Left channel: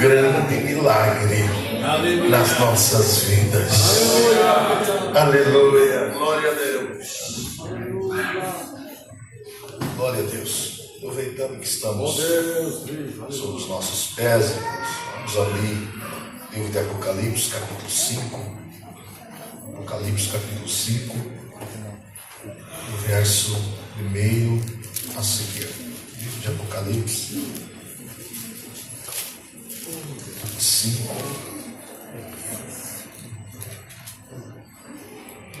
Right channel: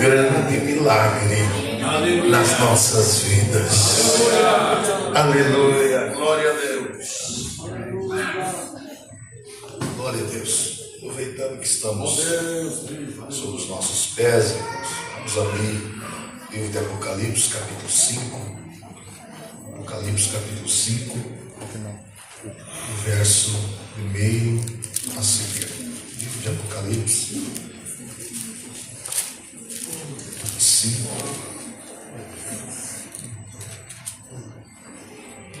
grande milagre nas nossas vidas. Aleluia. Glória a Deus. Glória a Deus. Aproveitando que estamos sobre os nossos pés, vamos abrir o livro de Apocalipse, capítulo 5. Apocalipse, capítulo 5, o verso 1 a seguir. Livro de Apocalipse 5,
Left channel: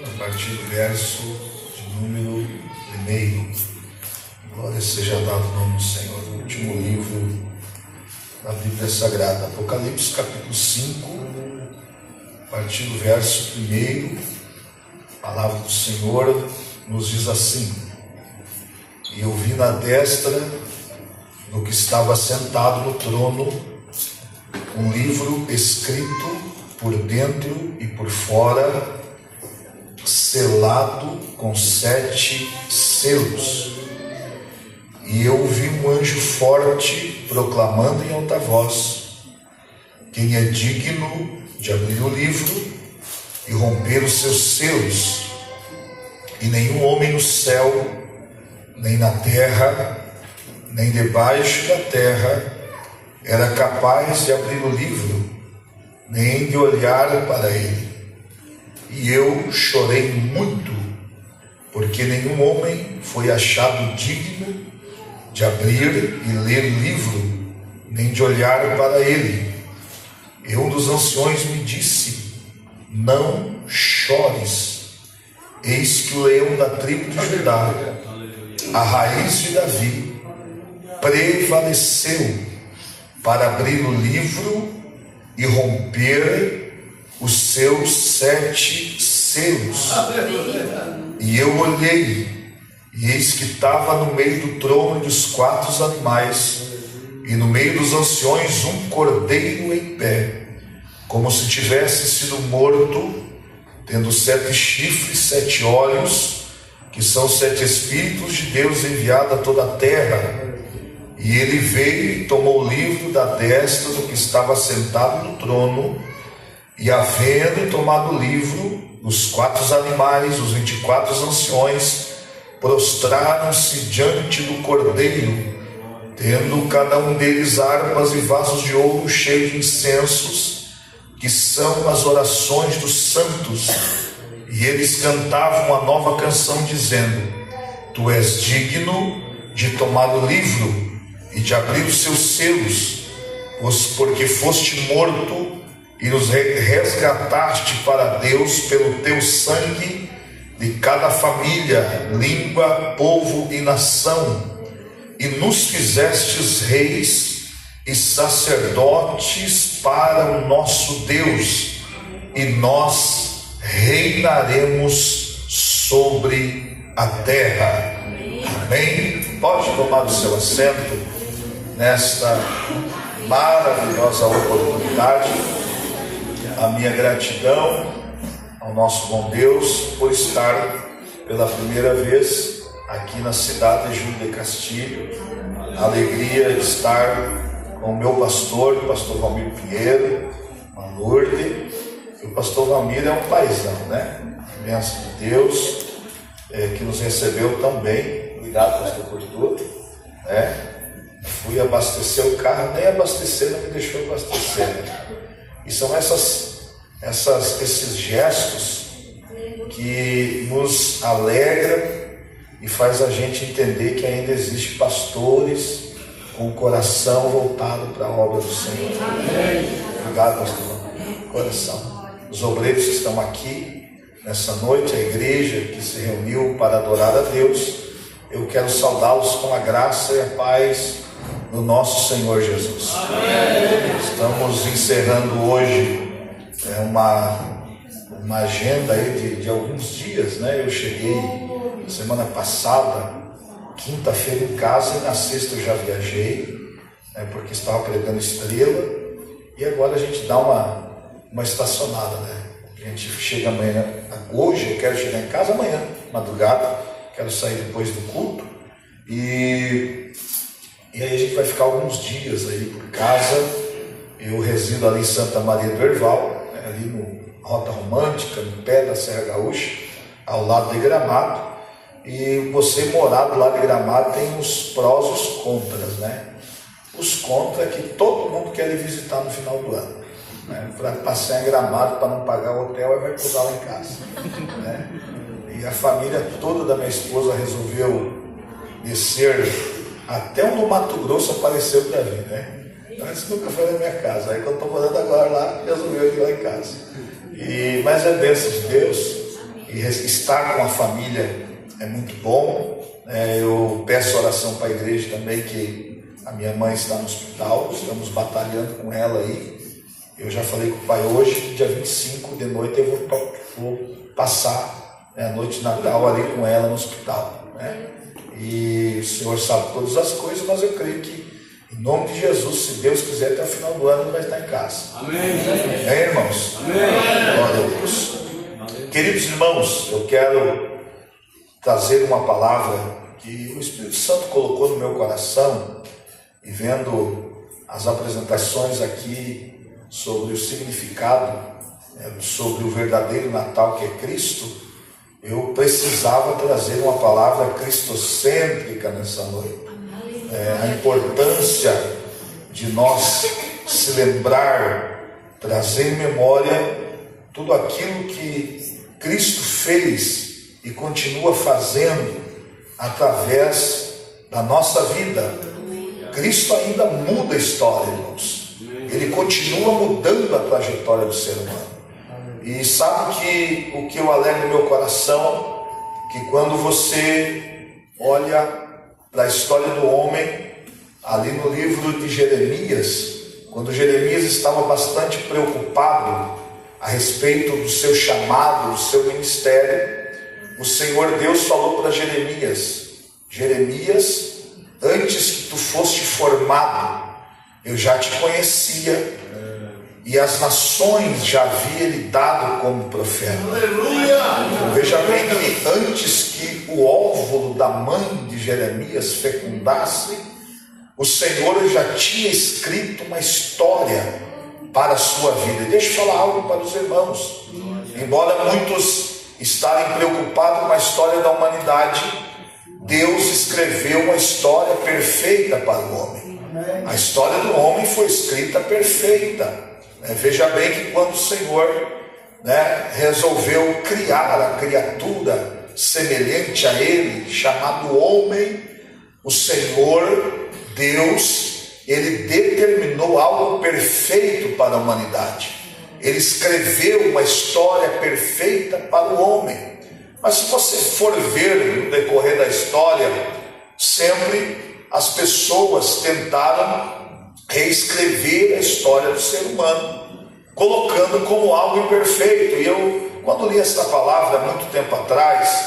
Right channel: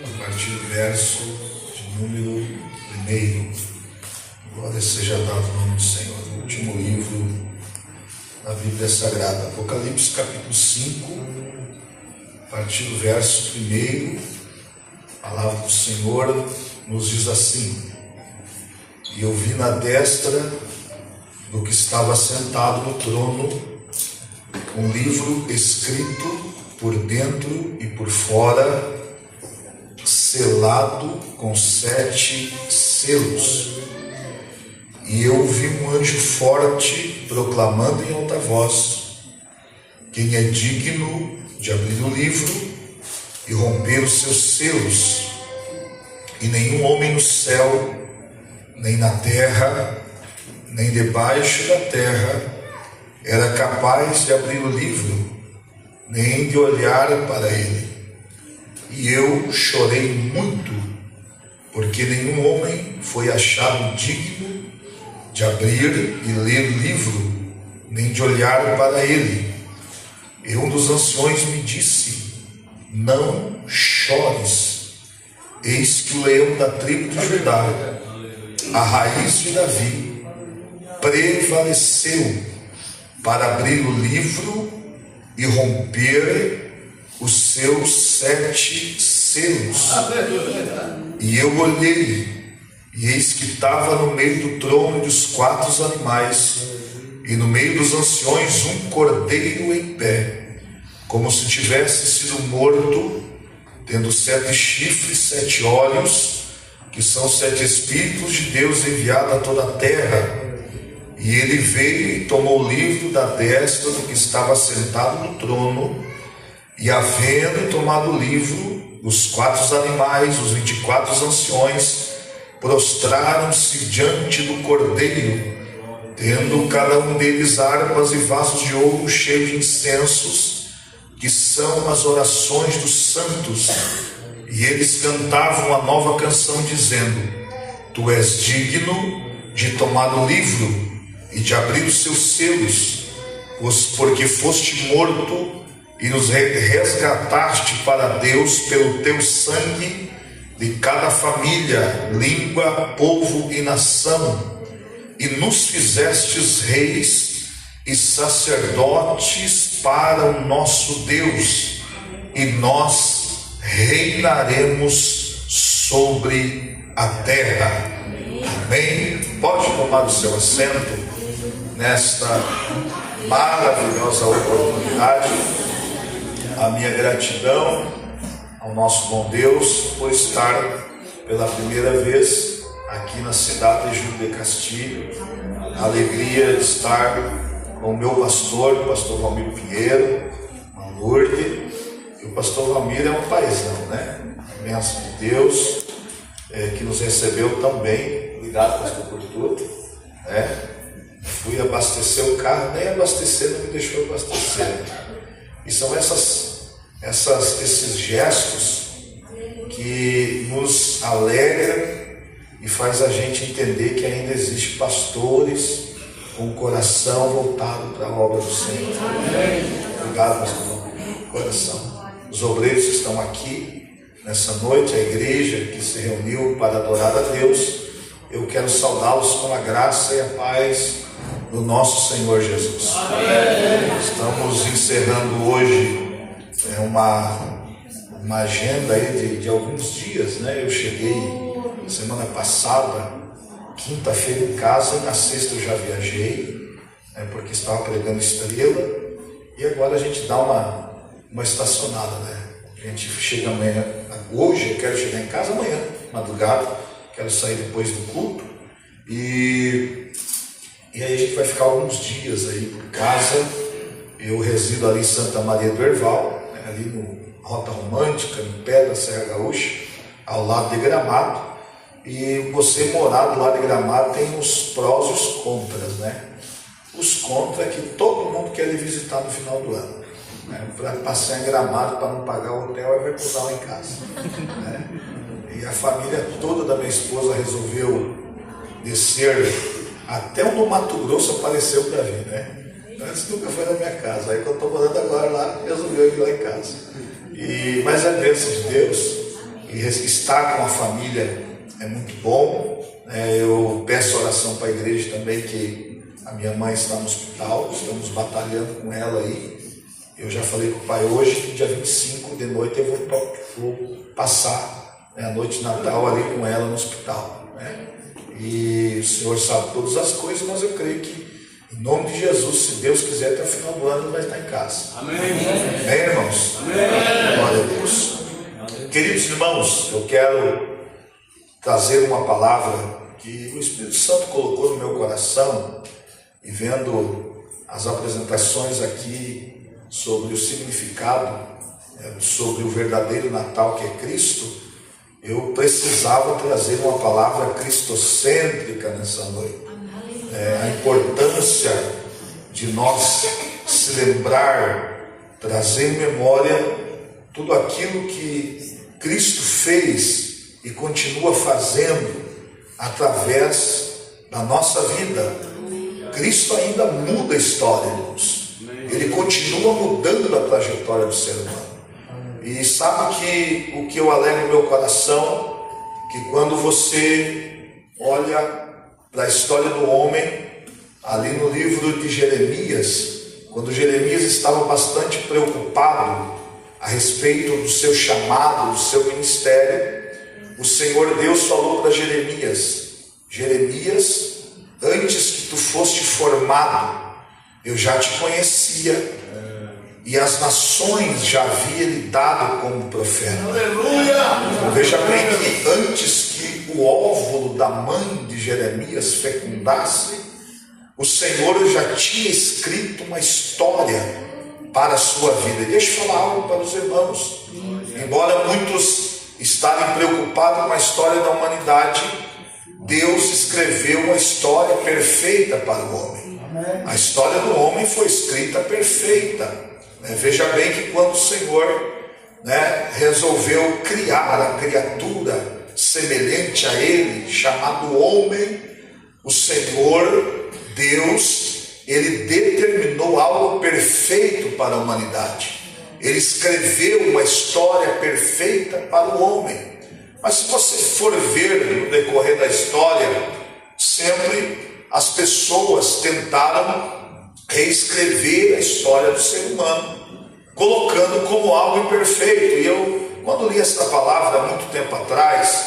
a partir do verso de número 1. Glória seja dado o nome do Senhor. O último livro da Bíblia Sagrada, Apocalipse capítulo 5, a partir do verso 1, a palavra do Senhor nos diz assim: E eu vi na destra do que estava sentado no trono um livro escrito por dentro e por fora, selado com 7 selos. E eu vi um anjo forte proclamando em alta voz: Quem é digno de abrir o livro e romper os seus selos? E nenhum homem no céu, nem na terra, nem debaixo da terra, era capaz de abrir o livro, nem de olhar para ele. E eu chorei muito, porque nenhum homem foi achado digno de abrir e ler o livro, nem de olhar para ele. E um dos anciões me disse: Não chores, eis que o leão da tribo de Judá, a raiz de Davi, prevaleceu para abrir o livro e romper os seus 7 selos. E eu olhei, e eis que estava no meio do trono e dos 4 animais, e no meio dos anciões um cordeiro em pé, como se tivesse sido morto, tendo 7 chifres, 7 olhos, que são 7 Espíritos de Deus enviados a toda a terra. E ele veio e tomou o livro da destra do que estava sentado no trono, e havendo tomado o livro, os 4 animais, os 24 anciões, prostraram-se diante do cordeiro, tendo cada um deles harpas e vasos de ouro cheios de incensos, que são as orações dos santos. E eles cantavam uma nova canção, dizendo: Tu és digno de tomar o livro e de abrir os seus selos, porque foste morto e nos resgataste para Deus pelo teu sangue de cada família, língua, povo e nação, e nos fizestes reis e sacerdotes para o nosso Deus, e nós reinaremos sobre a terra. Amém? Pode tomar o seu assento nesta maravilhosa oportunidade. A minha gratidão ao nosso bom Deus por estar pela primeira vez aqui na cidade de Júlio de Castilho. A alegria de estar com o meu pastor, o pastor Ramiro Vieira, a Lourdes. E o pastor Ramiro é um paizão, né? Bênção de Deus, que nos recebeu também. Obrigado, pastor, por tudo. Fui abastecer o carro, nem abastecer, não me deixou abastecer. E são esses gestos que nos alegram e faz a gente entender que ainda existe pastores com o coração voltado para a obra do Senhor. Obrigado, pastor, coração. Os obreiros que estão aqui nessa noite, a igreja que se reuniu para adorar a Deus, eu quero saudá-los com a graça e a paz do nosso Senhor Jesus. Amém. Estamos encerrando hoje uma agenda aí de alguns dias, né? Eu cheguei semana passada, quinta-feira em casa, e na sexta eu já viajei, porque estava pregando Estrela, e agora a gente dá uma estacionada, né? A gente chega amanhã, hoje eu quero chegar em casa amanhã, madrugada, quero sair depois do culto, e aí a gente vai ficar alguns dias aí por casa, Eu resido ali em Santa Maria do Herval, ali no Rota Romântica, no pé da Serra Gaúcha, ao lado de Gramado. E você morar do lado de Gramado tem os prós e os contras, né? Os contras é que todo mundo quer ir visitar no final do ano, né? Para passear em Gramado, para não pagar o hotel, vai cuidar lá em casa, né? E a família toda da minha esposa resolveu descer até o do Mato Grosso, apareceu para vir, né? Antes nunca foi na minha casa, aí que eu estou morando agora lá, resolveu ir lá em casa. Mas a bênção de Deus, e estar com a família é muito bom. Eu peço oração para a igreja também, que a minha mãe está no hospital, estamos batalhando com ela aí. Eu já falei com o pai hoje, dia 25 de noite, eu vou passar, né, a noite de Natal ali com ela no hospital, né? E o Senhor sabe todas as coisas, mas eu creio que, em nome de Jesus, se Deus quiser, até o final do ano ele vai estar em casa. Amém. Amém, irmãos? Amém. Glória a Deus. Queridos irmãos, eu quero trazer uma palavra que o Espírito Santo colocou no meu coração, e vendo as apresentações aqui sobre o significado, sobre o verdadeiro Natal que é Cristo, eu precisava trazer uma palavra cristocêntrica nessa noite. A importância de nós se lembrar, trazer em memória tudo aquilo que Cristo fez e continua fazendo através da nossa vida. Cristo ainda muda a história, irmãos. Ele continua mudando a trajetória do ser humano. E sabe que o que eu alegro no meu coração, que quando você olha para a história do homem, ali no livro de Jeremias, quando Jeremias estava bastante preocupado a respeito do seu chamado, do seu ministério, o Senhor Deus falou para Jeremias: Jeremias, antes que tu foste formado, eu já te conhecia, e as nações já havia lhe dado como profeta. Aleluia! Então, veja bem que antes que o óvulo da mãe de Jeremias fecundasse, o Senhor já tinha escrito uma história para a sua vida. Deixa eu falar algo para os irmãos. Embora muitos estarem preocupados com a história da humanidade, Deus escreveu uma história perfeita para o homem. A história do homem foi escrita perfeita. Veja bem que quando o Senhor, resolveu criar a criatura semelhante a Ele, chamado homem, o Senhor Deus, Ele determinou algo perfeito para a humanidade. Ele escreveu uma história perfeita para o homem. Mas se você for ver no decorrer da história, sempre as pessoas tentaram reescrever a história do ser humano, colocando como algo imperfeito. E eu, quando li essa palavra há muito tempo atrás,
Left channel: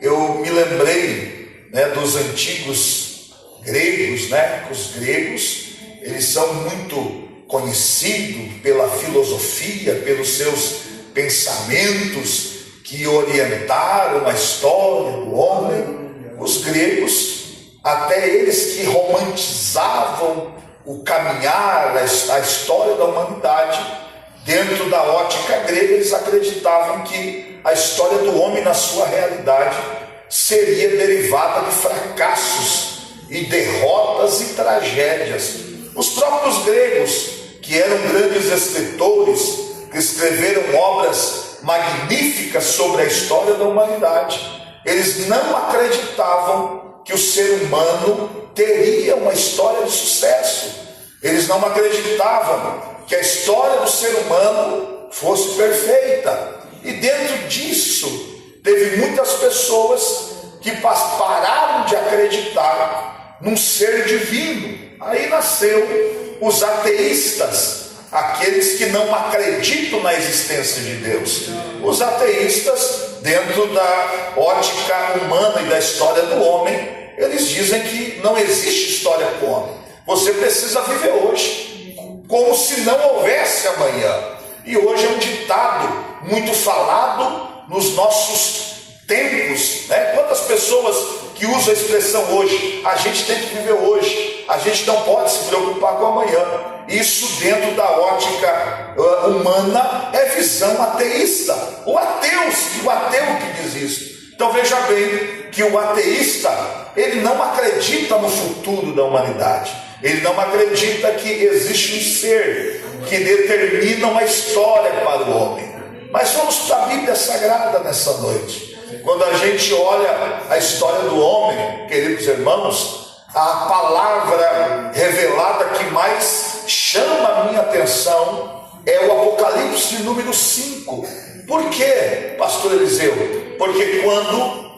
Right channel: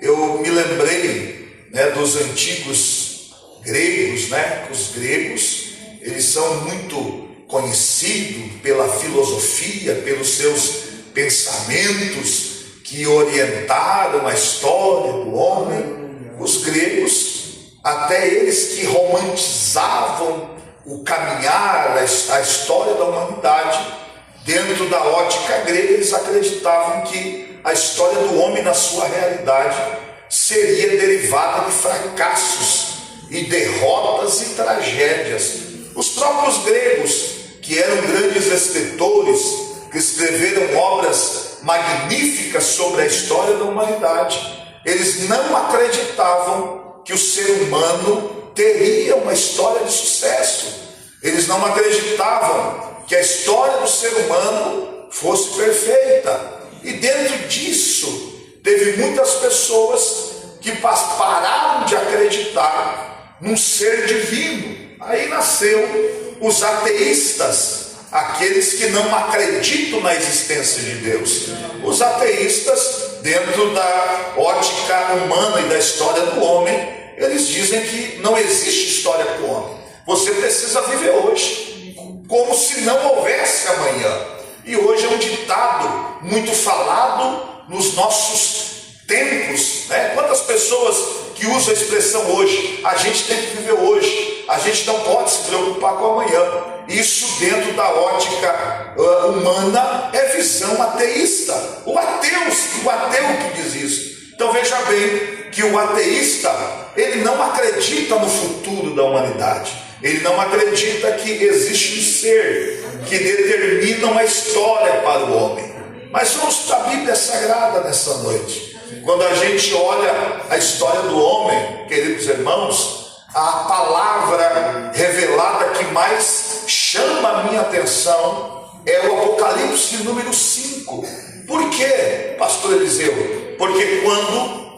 eu me lembrei, dos antigos gregos, Os gregos, eles são muito conhecidos pela filosofia, pelos seus pensamentos que orientaram a história do homem. Os gregos, até eles que romantizavam o caminhar, a história da humanidade, dentro da ótica grega, eles acreditavam que a história do homem na sua realidade seria derivada de fracassos e derrotas e tragédias. Os próprios gregos, que eram grandes escritores, que escreveram obras magníficas sobre a história da humanidade, eles não acreditavam que o ser humano teria uma história de sucesso. Eles não acreditavam que a história do ser humano fosse perfeita. E dentro disso, teve muitas pessoas que pararam de acreditar num ser divino. Aí nasceu os ateístas, aqueles que não acreditam na existência de Deus. Os ateístas, dentro da ótica humana e da história do homem, eles dizem que não existe história para o homem. Você precisa viver hoje, como se não houvesse amanhã. E hoje é um ditado muito falado nos nossos tempos, Quantas pessoas que usam a expressão hoje? A gente tem que viver hoje. A gente não pode se preocupar com amanhã. Isso, dentro da ótica humana, é visão ateísta. O ateu que diz isso. Então veja bem que o ateísta, ele não acredita no futuro da humanidade. Ele não acredita que existe um ser que determina uma história para o homem. Mas vamos para a Bíblia Sagrada nessa noite. Quando a gente olha a história do homem, queridos irmãos, a palavra revelada que mais chama a minha atenção é o Apocalipse número 5. Por quê, pastor Eliseu? Porque quando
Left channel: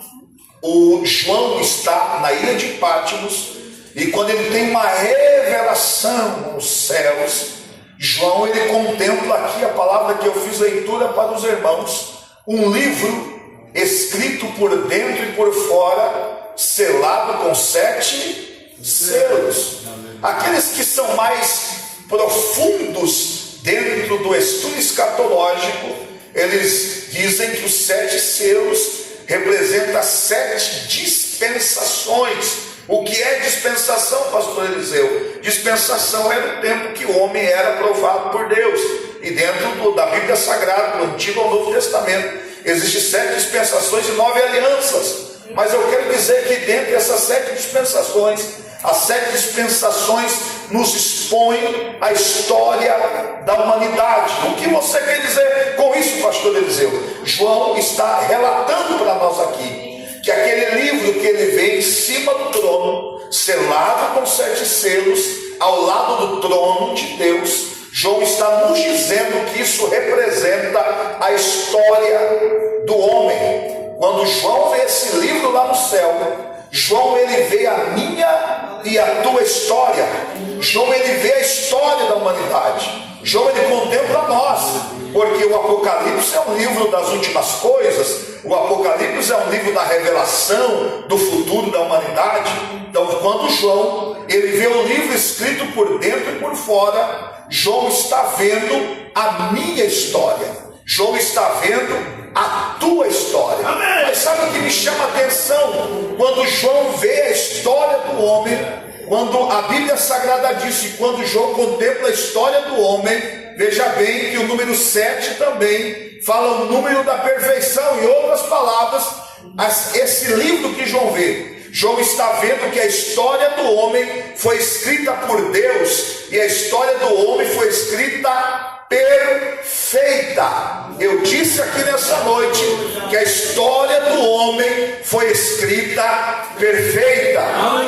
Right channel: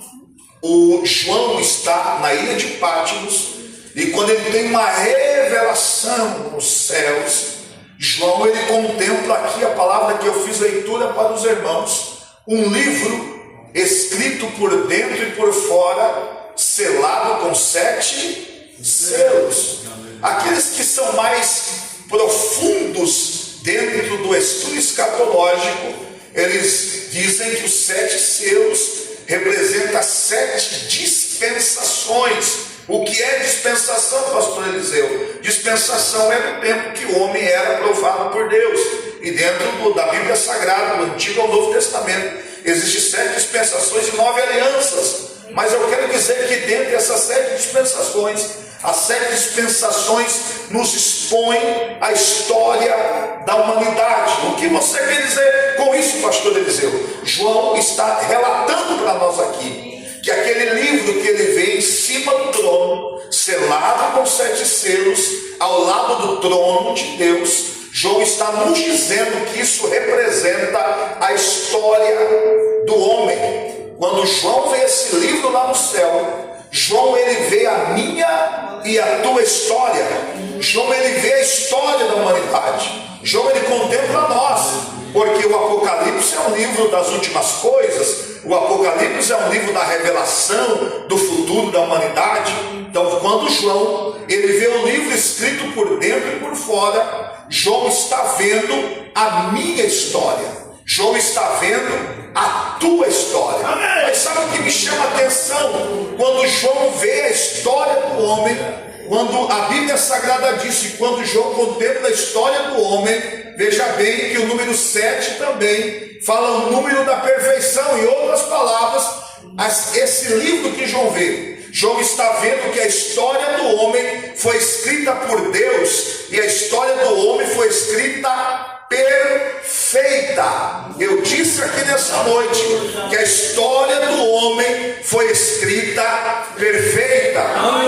o João está na ilha de Patmos, e quando ele tem uma revelação nos céus, João, ele contempla aqui a palavra que eu fiz leitura para os irmãos, um livro escrito por dentro e por fora, selado com 7 selos. Aqueles que são mais profundos dentro do estudo escatológico, eles dizem que os 7 selos representam 7 dispensações. O que é dispensação, pastor Eliseu? Dispensação era o tempo que o homem era aprovado por Deus. E dentro da Bíblia Sagrada, do Antigo ao Novo Testamento, existem 7 dispensações e 9 alianças. Mas eu quero dizer que dentro dessas 7 dispensações, as 7 dispensações nos expõem a história da humanidade. O que você quer dizer com isso, pastor Eliseu? João está relatando para nós aqui que aquele livro que ele vê em cima do trono, selado com 7 selos, ao lado do trono de Deus, João está nos dizendo que isso representa a história do homem. Quando João vê esse livro lá no céu, João ele vê a minha e a tua história. João ele vê a história da humanidade. João ele contempla nós, porque o Apocalipse é um livro das últimas coisas. O Apocalipse é um livro da revelação do futuro da humanidade. Então, quando João ele vê o livro escrito por dentro e por fora, João está vendo a minha história. João está vendo a tua história. Mas sabe o que me chama a atenção? Quando João vê a história do homem, quando a Bíblia Sagrada diz que quando João contempla a história do homem, veja bem que o número 7 também fala o número da perfeição. Em outras palavras, esse livro que João vê, João está vendo que a história do homem foi escrita por Deus, e a história do homem foi escrita perfeita. Eu disse aqui nessa noite que a história do homem foi escrita perfeita.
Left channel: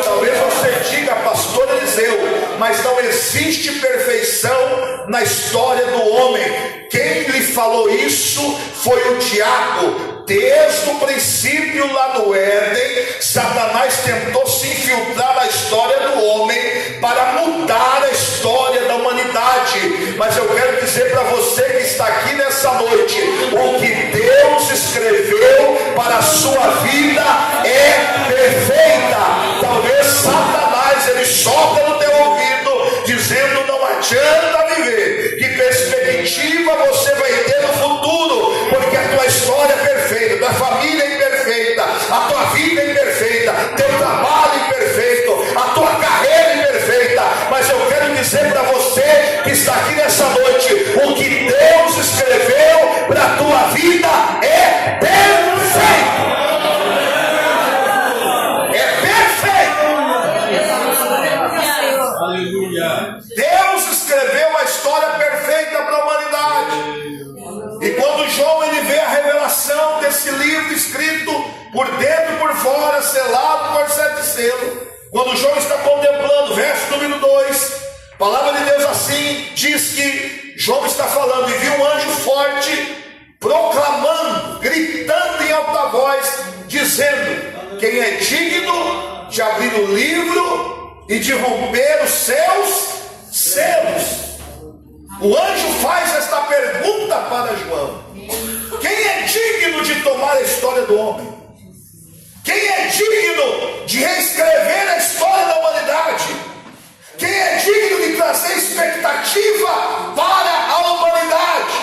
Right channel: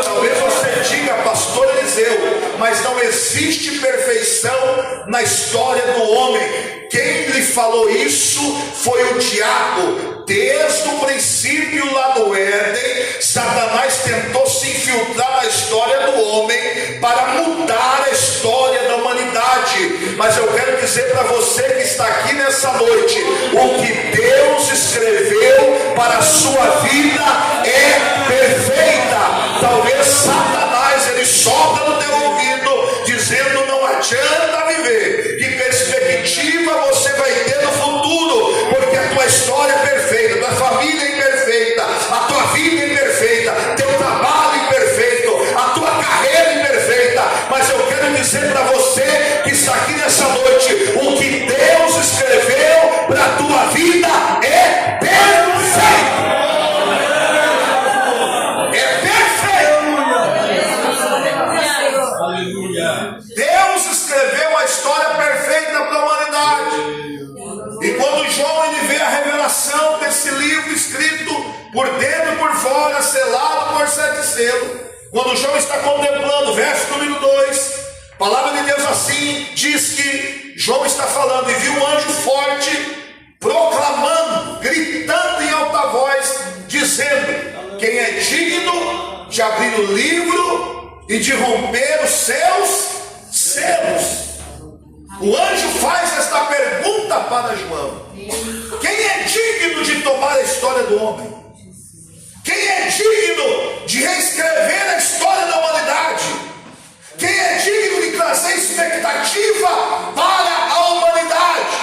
Talvez você diga, pastor Eliseu, mas não existe perfeição na história do homem. Quem lhe falou isso foi o diabo. Desde o princípio lá do Éden, Satanás tentou se infiltrar na história do homem para mudar a história da humanidade. Mas eu quero dizer para você que está aqui nessa noite, o que Deus escreveu para a sua vida é perfeita. Talvez Satanás ele sopra no teu ouvido dizendo: não adianta viver, que perspectiva você vai ter no futuro, porque a tua história é perfeita, tua família é imperfeita, a tua vida é imperfeita, teu trabalho é imperfeito, a tua carreira é imperfeita. Mas eu quero dizer para você que está aqui nessa noite, o que Deus escreveu para a tua vida é perfeito. Deus escreveu a história perfeita para a humanidade. E quando João ele vê a revelação desse livro escrito por dentro e por fora, selado por 7 selos, quando João está contemplando, verso número 2, a palavra de Deus assim diz que João está falando: e viu um anjo forte proclamando, gritando em alta voz, dizendo: quem é digno de abrir o livro e de romper os seus selos? O anjo faz esta pergunta para João: quem é digno de tomar a história do homem? Quem é digno de reescrever a história da humanidade? Quem é digno de trazer expectativa para a humanidade?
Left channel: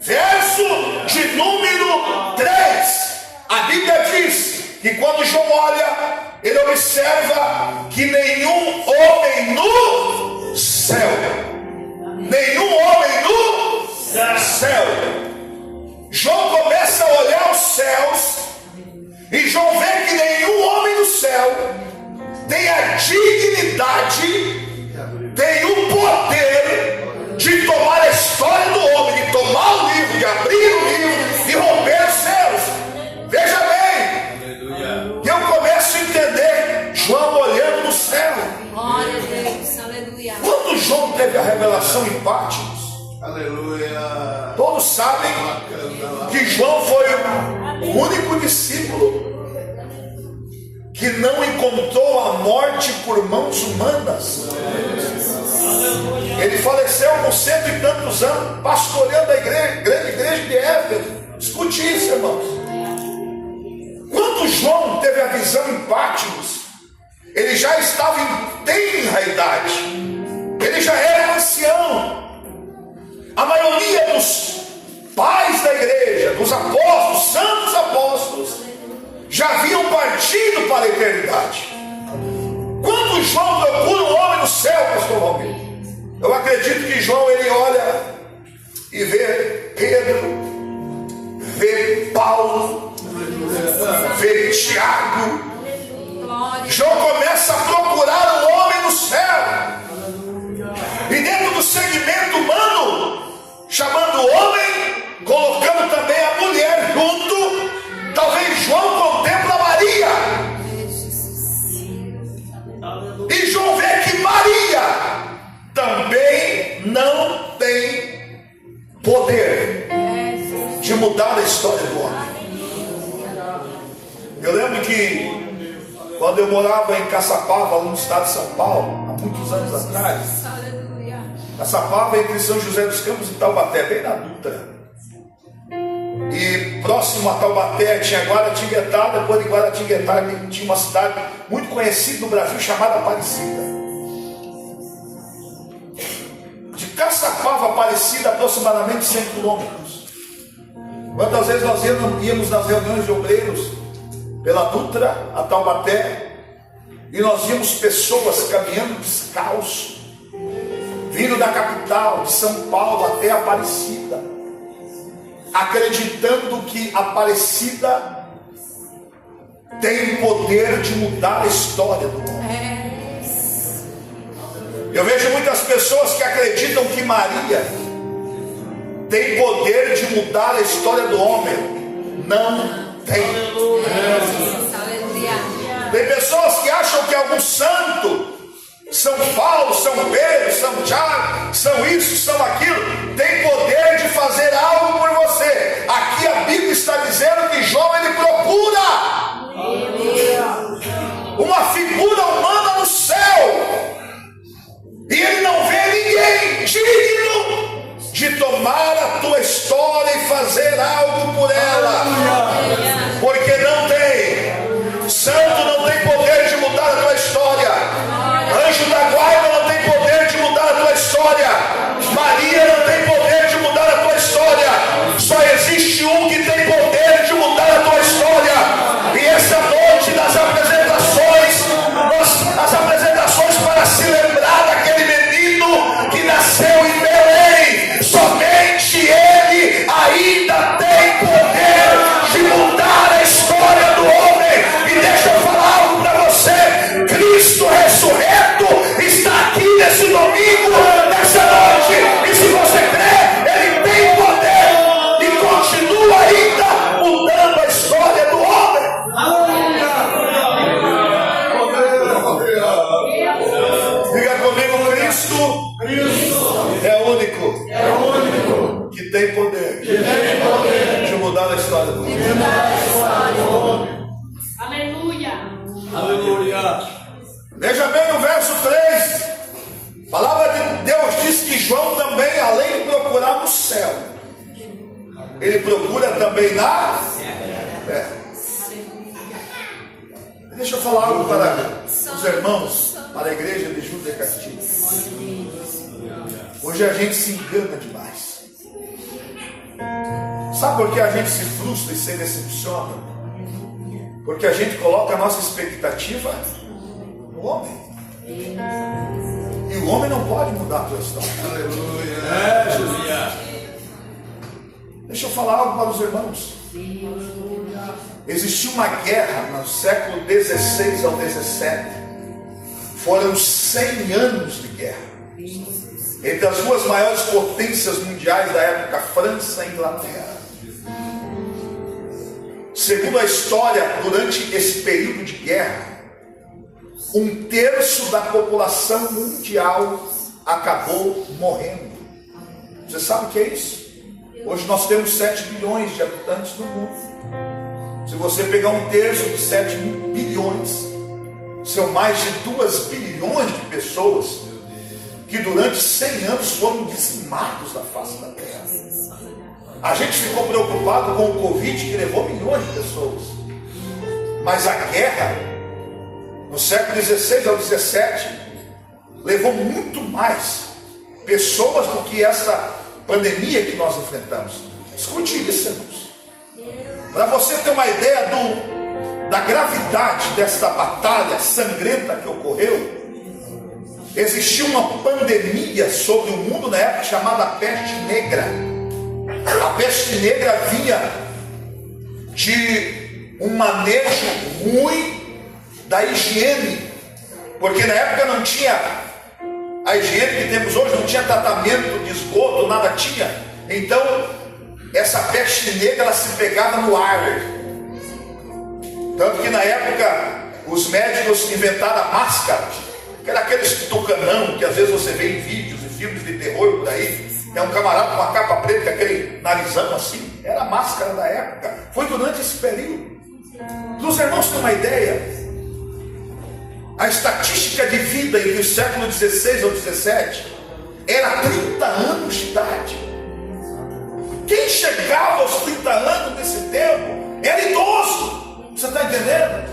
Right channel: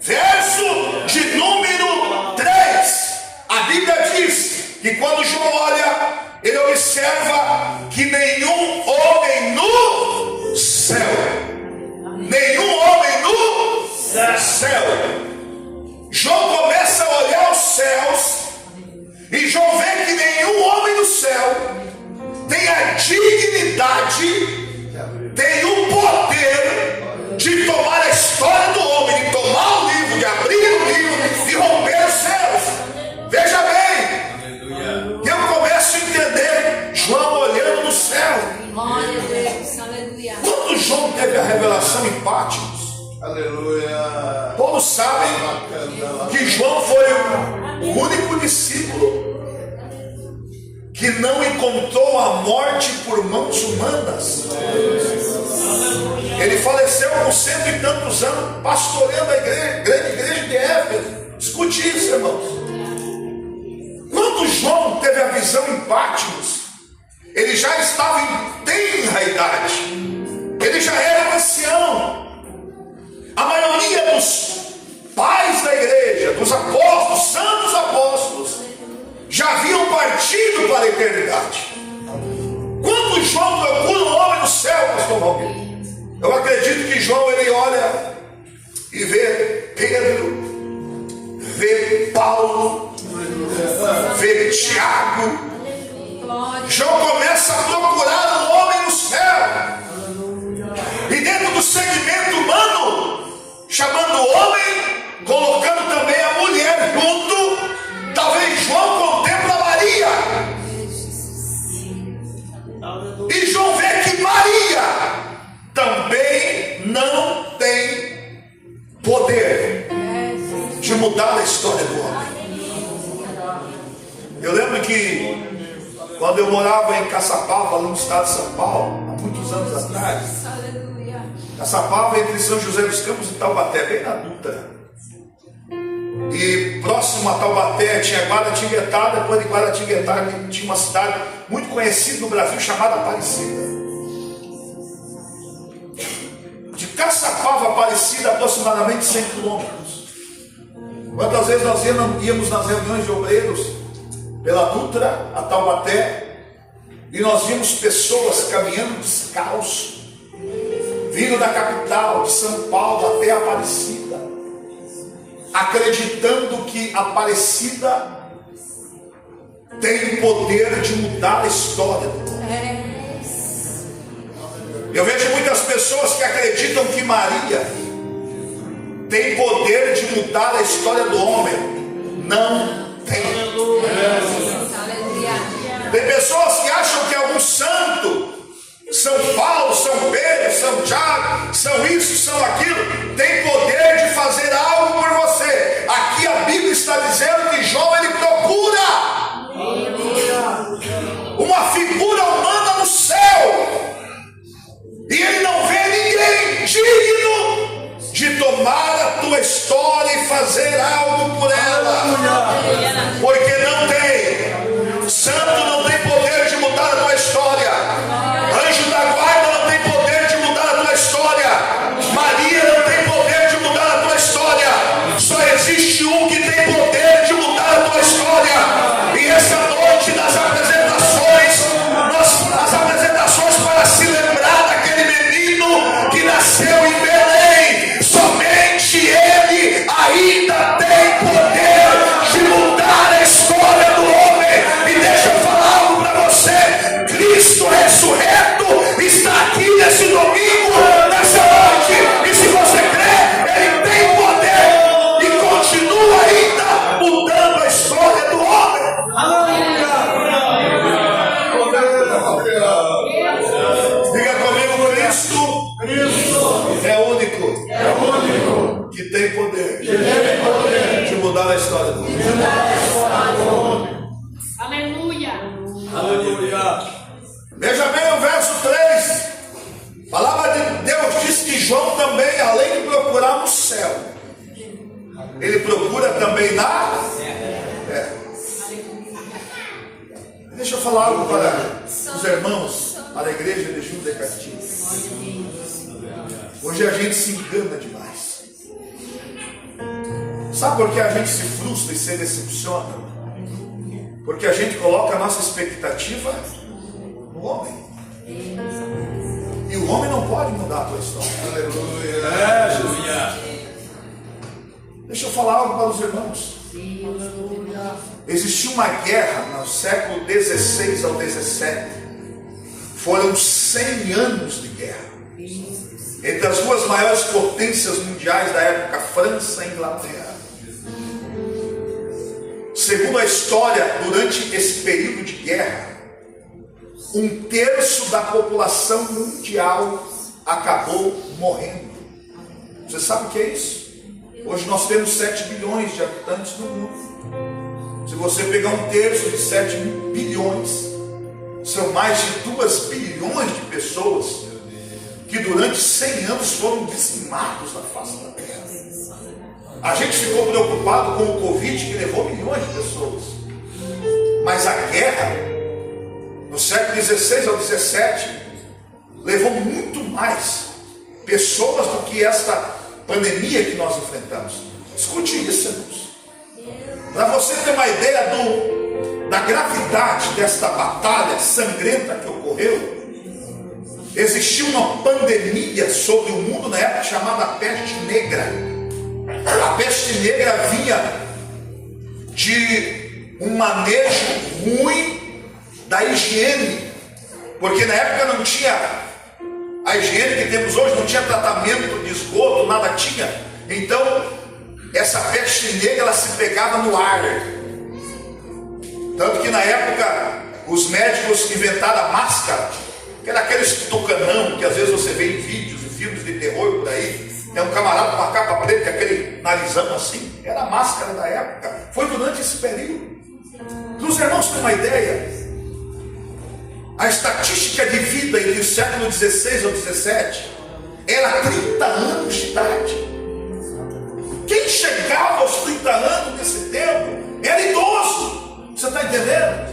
Verso de número 3, a Bíblia diz que quando João olha, ele observa que nenhum homem no céu, nenhum homem no céu. João começa a olhar os céus e João vê que nenhum homem no céu tem a dignidade, tem o poder de tomar a história do homem, de tomar o livro, de abrir o livro, de romper os céus. Veja bem, eu começo a entender João olhando no céu. Glória a Deus, aleluia. Quando João teve a revelação em Patmos, Aleluia. todos sabem que João foi o único discípulo que não encontrou a morte por mãos humanas. Ele faleceu com 100 e tantos anos, pastoreando a grande igreja de Éfeso. Escute isso, irmãos. Quando João teve a visão em Patmos, ele já estava em tenra idade, ele já era ancião. A maioria dos pais da igreja, dos apóstolos, santos apóstolos, já haviam partido para a eternidade. Quando João procura um homem no céu, pastor Valdir, eu acredito que João, ele olha e vê Pedro, vê Paulo, vê Tiago. João começa a procurar um homem no céu, e dentro do segmento humano, chamando o homem, colocando também a mulher junto. Talvez João contempla Maria, e João vê que Maria também não tem poder de mudar a história do homem. Eu lembro que quando eu morava em Caçapava, no estado de São Paulo, há muitos anos atrás, Caçapava entre São José dos Campos e Taubaté, bem na Dutra. E próximo a Taubaté tinha Guaratinguetá, depois de Guaratinguetá tinha uma cidade muito conhecida no Brasil chamada Aparecida. De Caçapava a Aparecida, aproximadamente 100 quilômetros. Quantas vezes nós íamos nas reuniões de obreiros pela Dutra a Taubaté, e nós víamos pessoas caminhando descalço, vindo da capital de São Paulo até Aparecida, acreditando que Aparecida tem o poder de mudar a história do homem. Eu vejo muitas pessoas que acreditam que Maria tem poder de mudar a história do homem. Não tem. Tem pessoas que acham que algum santo, São Paulo, São Pedro, São Tiago, são isso, são aquilo, tem poder de fazer algo por você. Aqui a Bíblia está dizendo que João, ele procura uma figura humana no céu, e ele não vê ninguém digno de tomar a tua história e fazer algo por ela, porque não tem. Santo não tem poder de mudar a tua história. Anjo da guarda não tem poder de mudar a tua história. Maria não tem poder de mudar a tua história. Só existe um que tem poder de mudar a tua história. E essa noite nas apresentações, as apresentações para se lembrar daquele menino que nasceu em Belém, somente ele ainda tem poder de mudar a história do homem. E deixa eu falar algo para você: Cristo ressurreto está aqui nesse domingo, nessa noite, e se você crê, ele tem poder e continua ainda mudando a história do homem. Diga comigo: Cristo é único que tem poder de mudar a história do homem. Aleluia. Veja bem o verso 3. A palavra de Deus diz que João também, além de procurar no céu, ele procura também na terra. Deixa eu falar algo para os irmãos, para a igreja de Júlio de Castilhos. Hoje a gente se engana demais. Sabe por que a gente se frustra e se decepciona? Porque a gente coloca a nossa expectativa no homem. E o homem não pode mudar a tua história. Aleluia. Deixa eu falar algo para os irmãos. Existiu uma guerra no século 16 ao 17. Foram 100 anos de guerra entre as duas maiores potências mundiais da época, França e Inglaterra. Segundo a história, durante esse período de guerra, 1/3 da população mundial acabou morrendo. Você sabe o que é isso? Hoje nós temos 7 bilhões de habitantes no mundo. Se você pegar 1/3 de 7 bilhões, são mais de 2 bilhões de pessoas que durante 100 anos foram dizimados da face da terra. A gente ficou preocupado com o Covid, que levou milhões de pessoas. Mas a guerra, no século 16 ao 17, levou muito mais pessoas do que esta pandemia que nós enfrentamos. Escute isso, irmãos. Para você ter uma ideia da gravidade desta batalha sangrenta que ocorreu, existiu uma pandemia sobre o mundo na época chamada peste negra. A peste negra vinha de um manejo ruim da higiene, porque na época não tinha a higiene que temos hoje, não tinha tratamento de esgoto, nada tinha. Então essa peste negra ela se pegava no ar. Tanto que na época os médicos inventaram a máscara, que era aquele tucanão que às vezes você vê em vídeos e filmes de terror por aí. É um camarada com uma capa preta, aquele narizão assim. Era a máscara da época. Foi durante esse período. Os irmãos têm uma ideia? A estatística de vida entre o século XVI ao XVII era 30 anos de idade. Quem chegava aos 30 anos nesse tempo era idoso. Você está entendendo?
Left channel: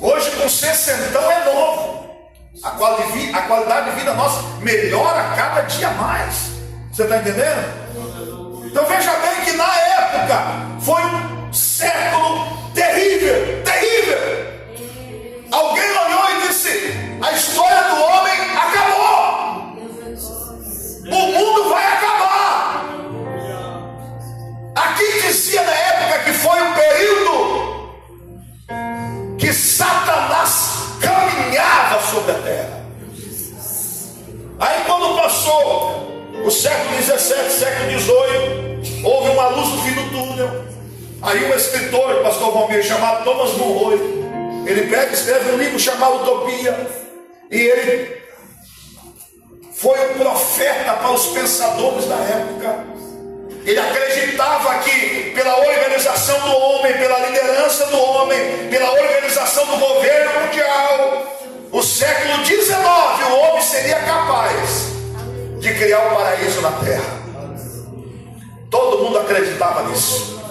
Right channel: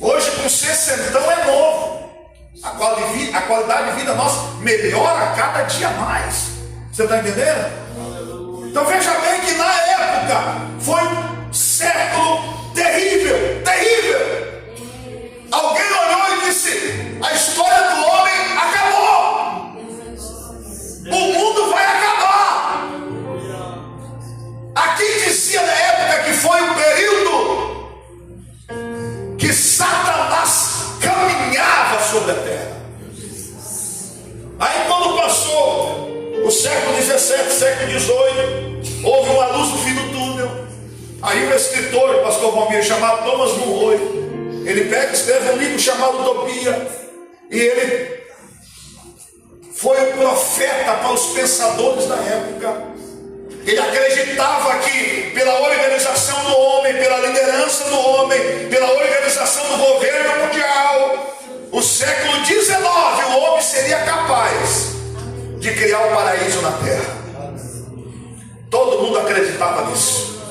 Hoje com 60 é novo. A qualidade de vida nossa melhora a cada dia mais. Você está entendendo? Então veja bem que na época foi um século terrível, terrível. Alguém olhou e disse: a história do homem acabou. O mundo vai acabar. Aqui dizia na época que foi um período que Satanás caminhava sobre a terra. Aí quando passou o século XVII, século XVIII, houve uma luz no fim do túnel. Aí um escritor, o pastor Valmir, chamado Thomas Monroe, ele pega e escreve um livro chamado Utopia, e ele foi um profeta para os pensadores da época. Ele acreditava que pela organização do homem, pela liderança do homem, pela organização do governo mundial, o século XIX, o homem seria capaz de criar um paraíso na terra. Todo mundo acreditava nisso.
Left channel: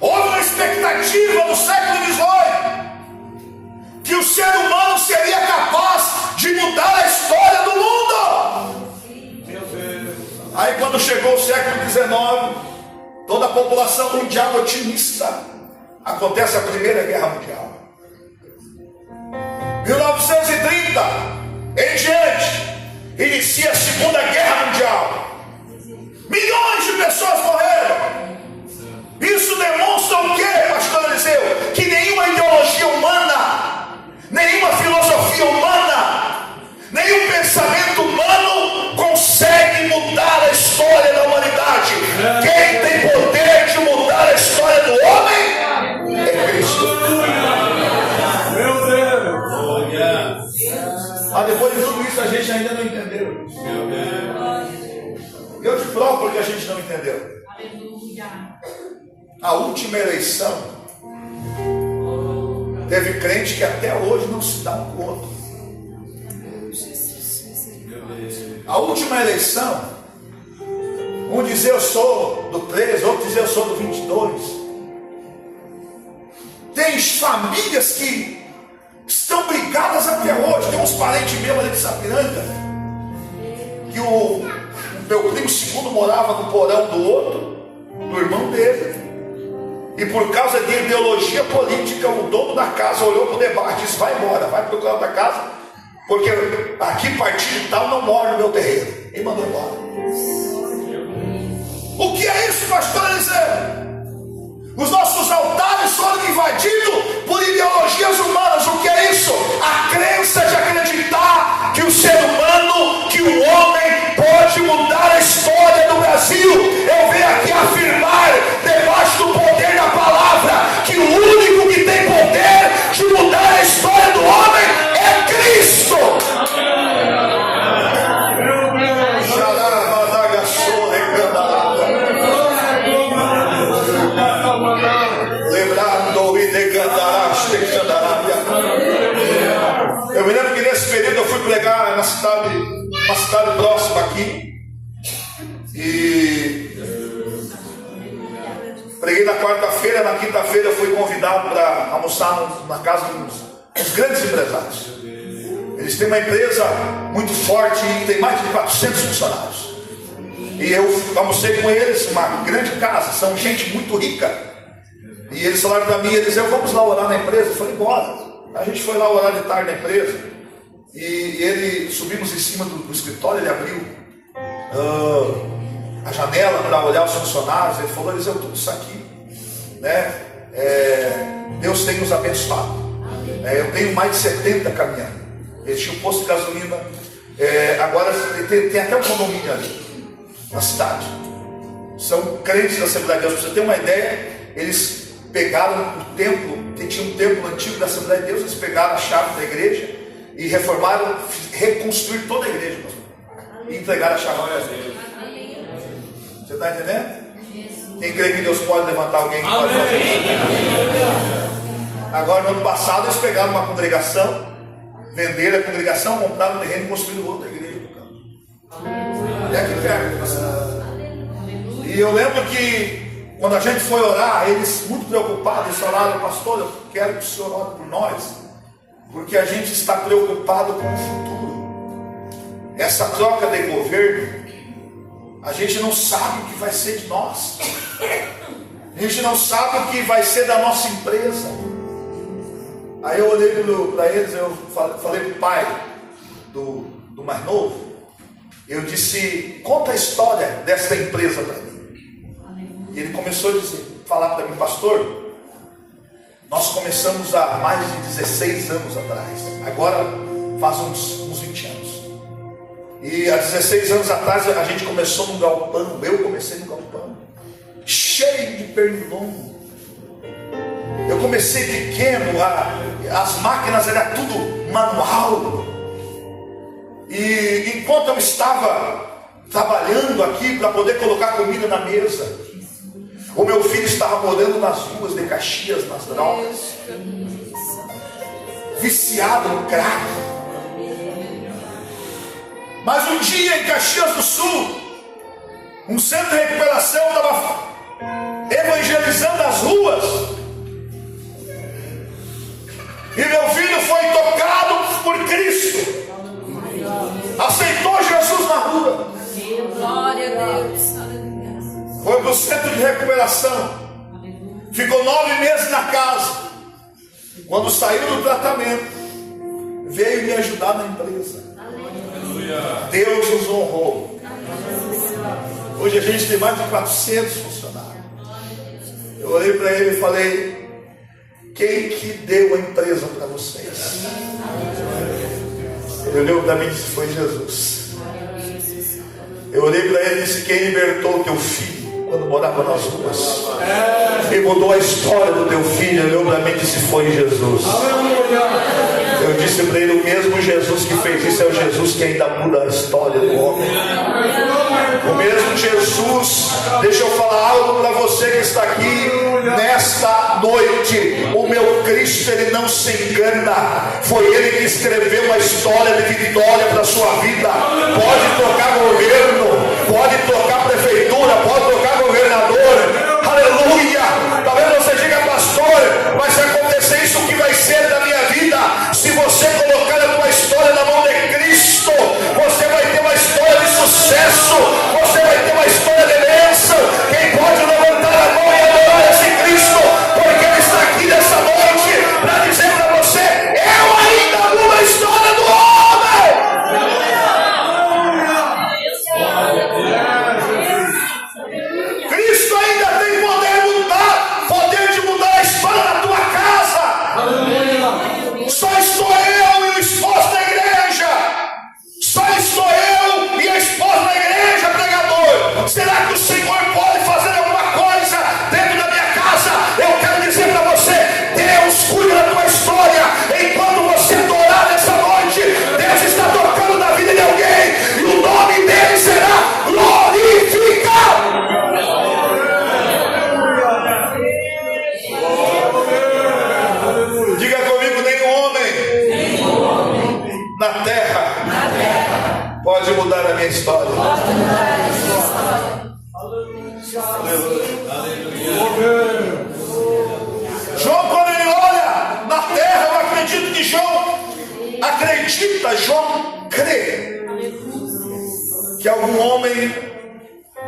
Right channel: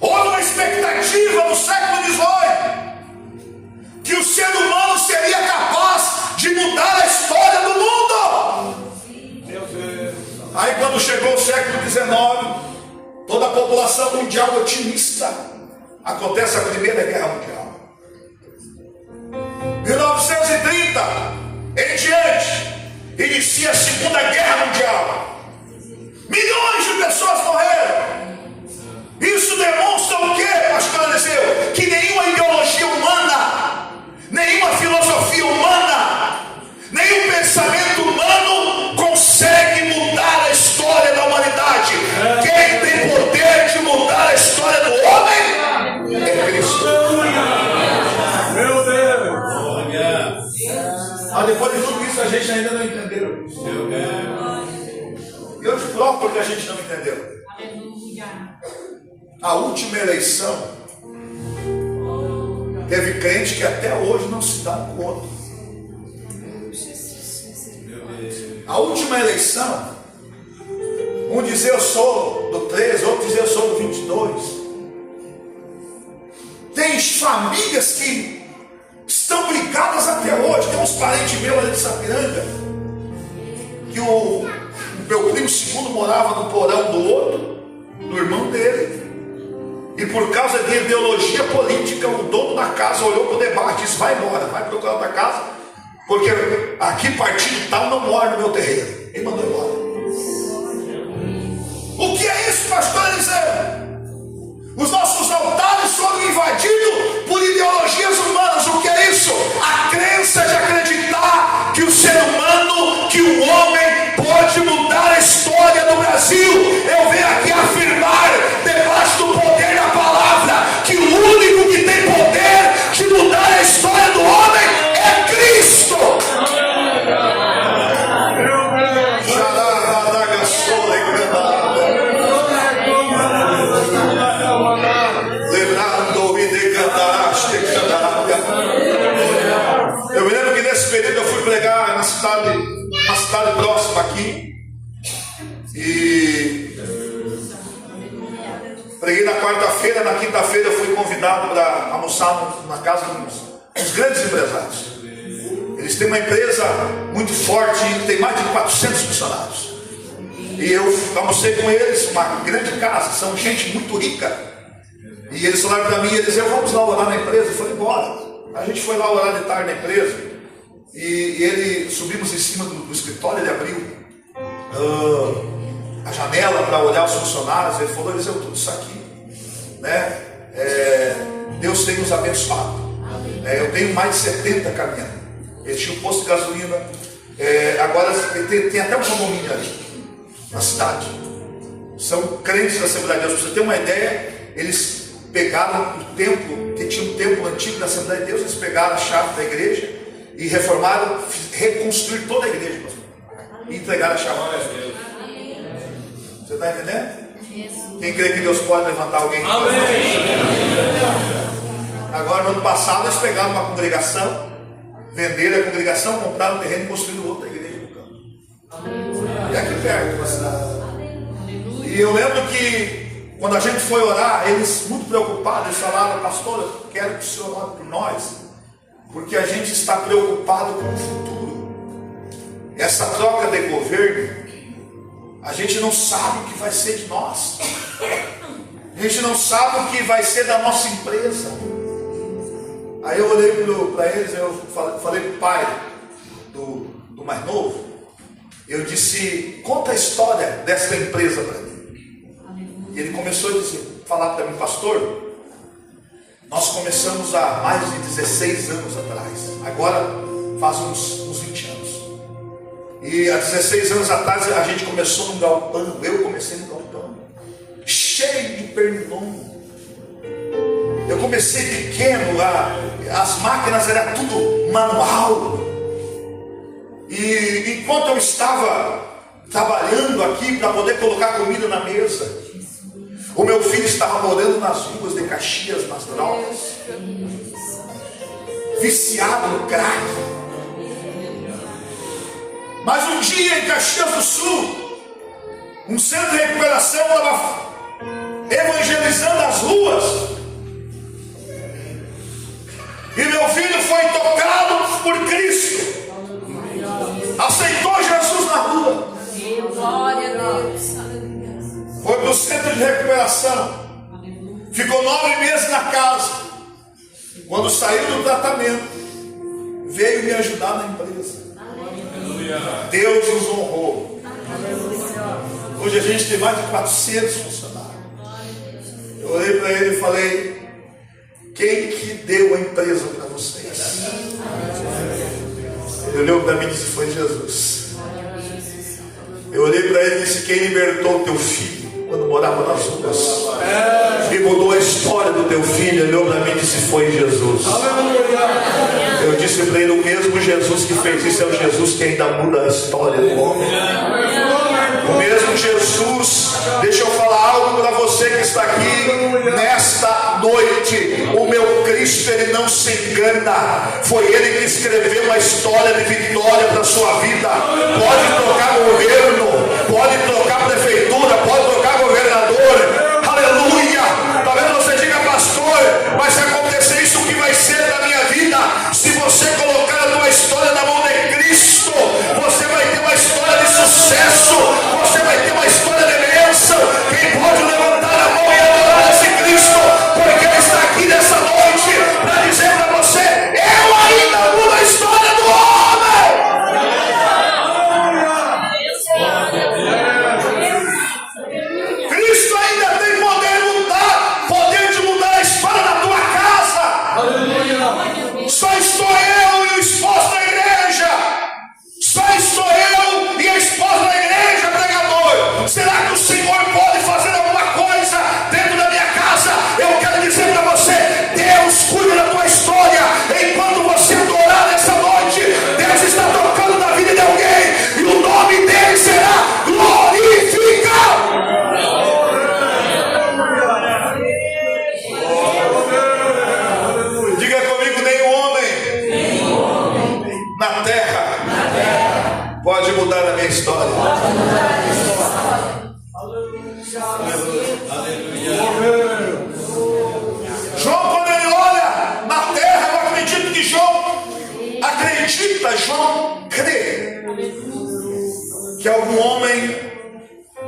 Houve uma expectativa no século XVIII que o ser humano seria capaz de mudar a história do mundo. Aí quando chegou o século XIX, toda a população mundial otimista, acontece a Primeira Guerra Mundial. 1930 em diante, inicia a Segunda Guerra Mundial. Milhões de pessoas morreram. Isso demonstra o que, pastor Eliseu? Que nenhuma ideologia humana, nenhuma filosofia humana, nenhum pensamento humano consegue mudar a história da humanidade. Quem tem poder de mudar a história do homem é Cristo. Meu Deus. Mas depois de tudo isso a gente ainda não entendeu. Eu te provo porque a gente não entendeu. A última eleição teve crente que até hoje não se dá um com o outro. A última eleição, um dizia eu sou do 13, outro dizia eu sou do 22. Tem famílias que estão brigadas até hoje. Tem uns parentes meus ali de Sapiranga, que o meu primo segundo morava no porão do outro, do irmão dele. E por causa de ideologia política, o dono da casa olhou para o debate e disse: vai embora, vai procurar outra casa, porque aqui partido tal não mora no meu terreno. Ele mandou embora. O que é isso, pastor Eliseu? Os nossos altares foram invadidos por ideologias humanas. O que é isso? A crença de acreditar que o ser humano, que o homem pode mudar a história do Brasil. Eu venho aqui afirmar, debaixo do poder da palavra, que o único que tem poder de mudar a história do homem é Cristo. Eu me lembro que nesse período eu fui pregar na cidade próxima aqui, e preguei na quarta-feira. Na quinta-feira eu fui convidado para almoçar na casa dos grandes empresários. Eles têm uma empresa muito forte e tem mais de 400 funcionários, e eu almocei com eles, uma grande casa, são gente muito rica. E eles falaram para mim, eles disseram: vamos lá orar na empresa. Eu falei: bora. A gente foi lá orar de tarde na empresa, e ele, subimos em cima do escritório, ele abriu a janela para olhar os funcionários. Ele falou: Eliseu, tudo isso aqui, né? Deus tem nos abençoado. Eu tenho mais de 70 caminhões. Ele tinha um posto de gasolina, agora tem até um condomínio ali na cidade. São crentes da Assembleia de Deus. Para você ter uma ideia, eles pegaram o templo, que tinha um templo antigo da Assembleia de Deus, eles pegaram a chave da igreja e reformaram, reconstruir toda a igreja, pastor, e entregaram a chave a Deus. Você está entendendo? Quem crê que Deus pode levantar alguém? Agora, no ano passado, eles pegaram uma congregação, venderam a congregação, compraram um terreno e construíram outra igreja no campo. E aqui perto, na cidade. E eu lembro que quando a gente foi orar, eles muito preocupados, eles falaram: pastor, eu quero que o senhor ore por nós, porque a gente está preocupado com o futuro. Essa troca de governo, a gente não sabe o que vai ser de nós, a gente não sabe o que vai ser da nossa empresa. Aí eu olhei para eles, eu falei para o pai do mais novo, eu disse: conta a história dessa empresa para mim. E ele começou a falar para mim: pastor, nós começamos há mais de 16 anos atrás, agora faz uns 20 anos. E há 16 anos atrás a gente começou num galpão, eu comecei no galpão, cheio de pernilongo. Eu comecei pequeno, as máquinas eram tudo manual. E enquanto eu estava trabalhando aqui para poder colocar comida na mesa, o meu filho estava morando nas ruas de Caxias, nas drogas, viciado no crack. Mas um dia em Caxias do Sul, um centro de recuperação estava evangelizando as ruas, e meu filho foi tocado por Cristo, aceitou Jesus na rua, Glória a Deus. foi para o centro de recuperação, ficou 9 meses na casa. Quando saiu do tratamento, veio me ajudar na empresa. Deus nos honrou. Hoje a gente tem mais de 400 funcionários. Eu olhei para ele e falei: quem que deu a empresa para vocês? Ele olhou para mim e disse: foi Jesus. Eu olhei para ele e disse: quem libertou o teu filho quando morava nas ruas e mudou a história do teu filho? Ele olhou para mim e disse: foi Jesus. Eu disse para ele: o mesmo Jesus que fez isso é o Jesus que ainda muda a história do homem. O mesmo Jesus. Deixa eu falar algo para você que está aqui nesta noite. O meu Cristo, ele não se engana. Foi ele que escreveu uma história de vitória para a sua vida. Pode trocar governo, pode trocar prefeitura, pode trocar governador. Aleluia. Talvez você diga: pastor, vai acontecer isso, o que vai ser da minha vida? Se você colocar a tua história na mão de Cristo, você vai ter uma história de sucesso, você vai ter uma história de bênção. Quem pode levantar a mão e adorar esse Cristo?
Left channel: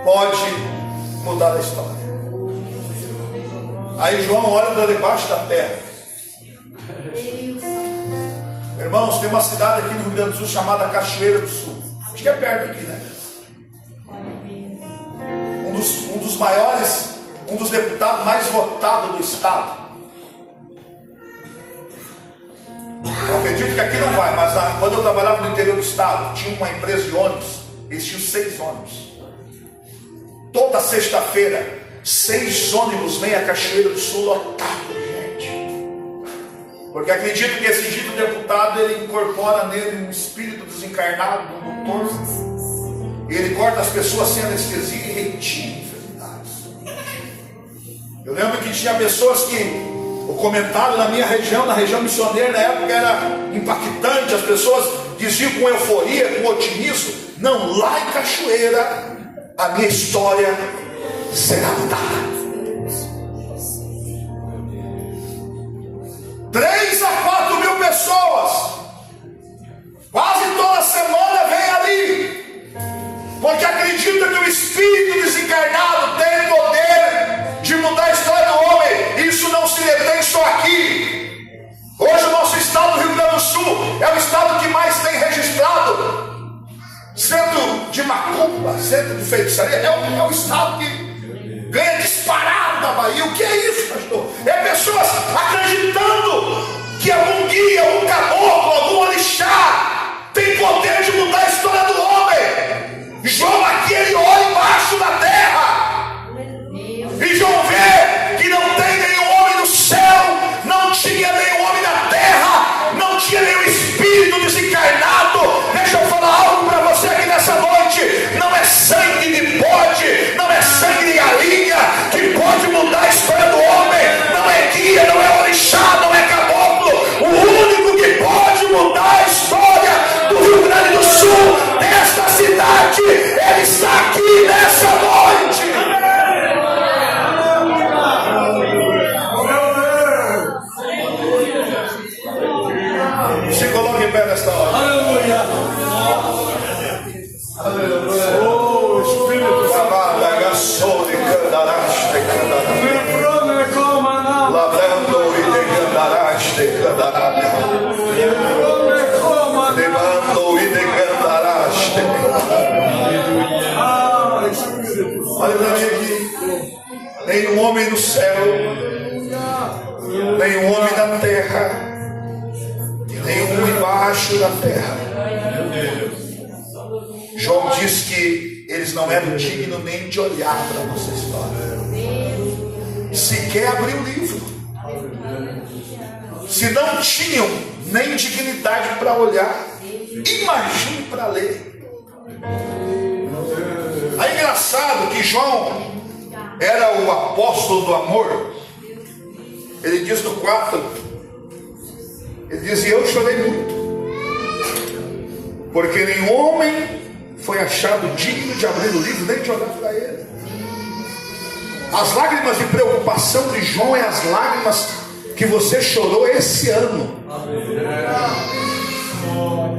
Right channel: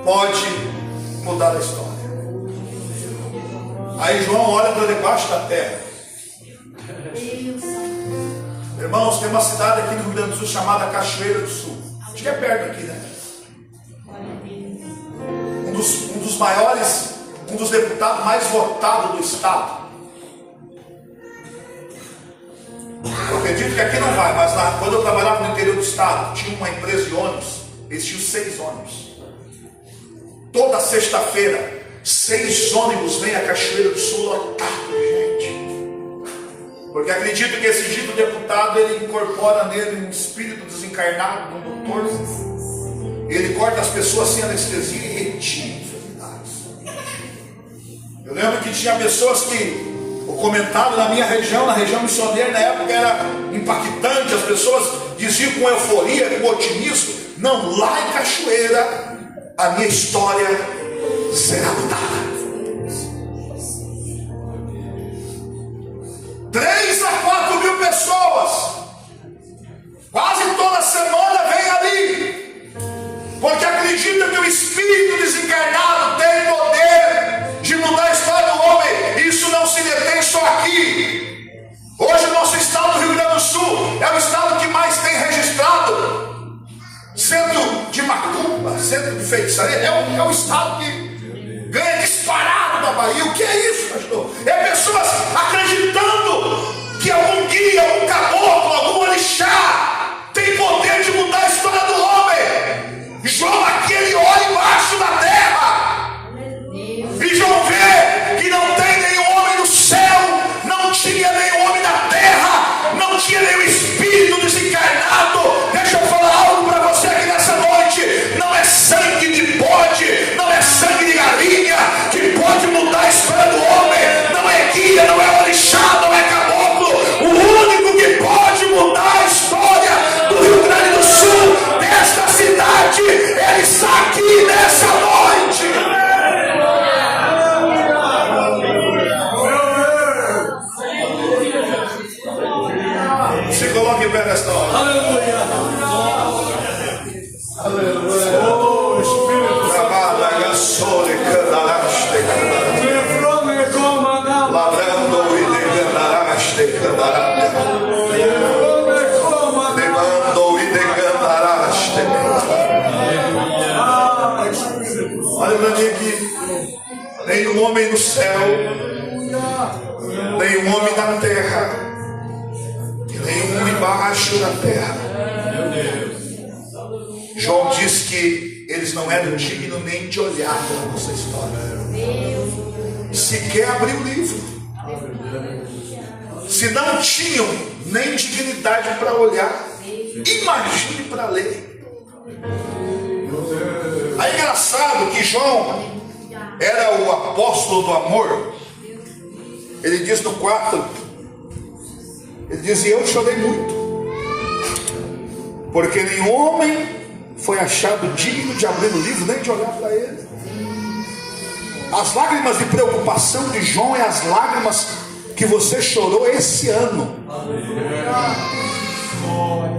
pode mudar a história. Aí João olha para debaixo da terra. Irmãos, tem uma cidade aqui no Rio Grande do Sul chamada Cachoeira do Sul. Acho que é perto aqui, né? Um dos maiores, um dos deputados mais votados do estado. Eu acredito que aqui não vai, mas quando eu trabalhava no interior do estado, tinha uma empresa de ônibus, eles tinham 6 ônibus. Toda sexta-feira, 6 ônibus vêm a Cachoeira do Sul lotado de gente. Porque acredito que esse dito deputado, ele incorpora nele um espírito desencarnado, um doutor. Ele corta as pessoas sem anestesia e retira enfermidades. Eu lembro que tinha pessoas que o comentário na minha região, na região missioneira, na época era impactante. As pessoas diziam com euforia, com otimismo: não, lá em Cachoeira a minha história será mudada. 3 a 4 mil pessoas, quase toda semana vem ali, porque acredita que o espírito desencarnado tem poder de mudar a história do homem. Isso não se detém só aqui. Hoje o nosso estado do Rio Grande do Sul é o estado que mais tem registrado centro de macumba, centro de feitiçaria. É o estado que ganha disparado da Bahia. O que é isso, pastor? É pessoas acreditando que algum guia, algum caboclo, algum orixá tem poder de mudar a história do homem. João aqui, ele olha embaixo da terra e João vê que não tem nenhum homem no céu, não tinha nenhum homem na terra, não tinha nenhum espírito desencarnado. Deixa eu falar algo para você aqui nessa noite. Não é sangue de bode, não é sangue de galinha que pode mudar a história do homem. Não é guia, não é orixá, não é caboclo. O único que pode mudar a história do Rio Grande do Sul, desta cidade, ele está aqui nessa noite. Se coloque em pé nesta hora. Aleluia. Aleluia. Oh, Espírito Santo. Olha para mim aqui. Nenhum homem no céu, nenhum homem na terra, nenhum homem embaixo da terra. João diz que eles não eram dignos nem de olhar para a nossa história, sequer abrir o livro. Se não tinham nem dignidade para olhar, imagine para ler. É engraçado que João era o apóstolo do amor. Ele diz no 4, ele diz: e eu chorei muito, porque nenhum homem foi achado digno de abrir o livro, nem de olhar para ele. As lágrimas de preocupação de João é as lágrimas que você chorou esse ano.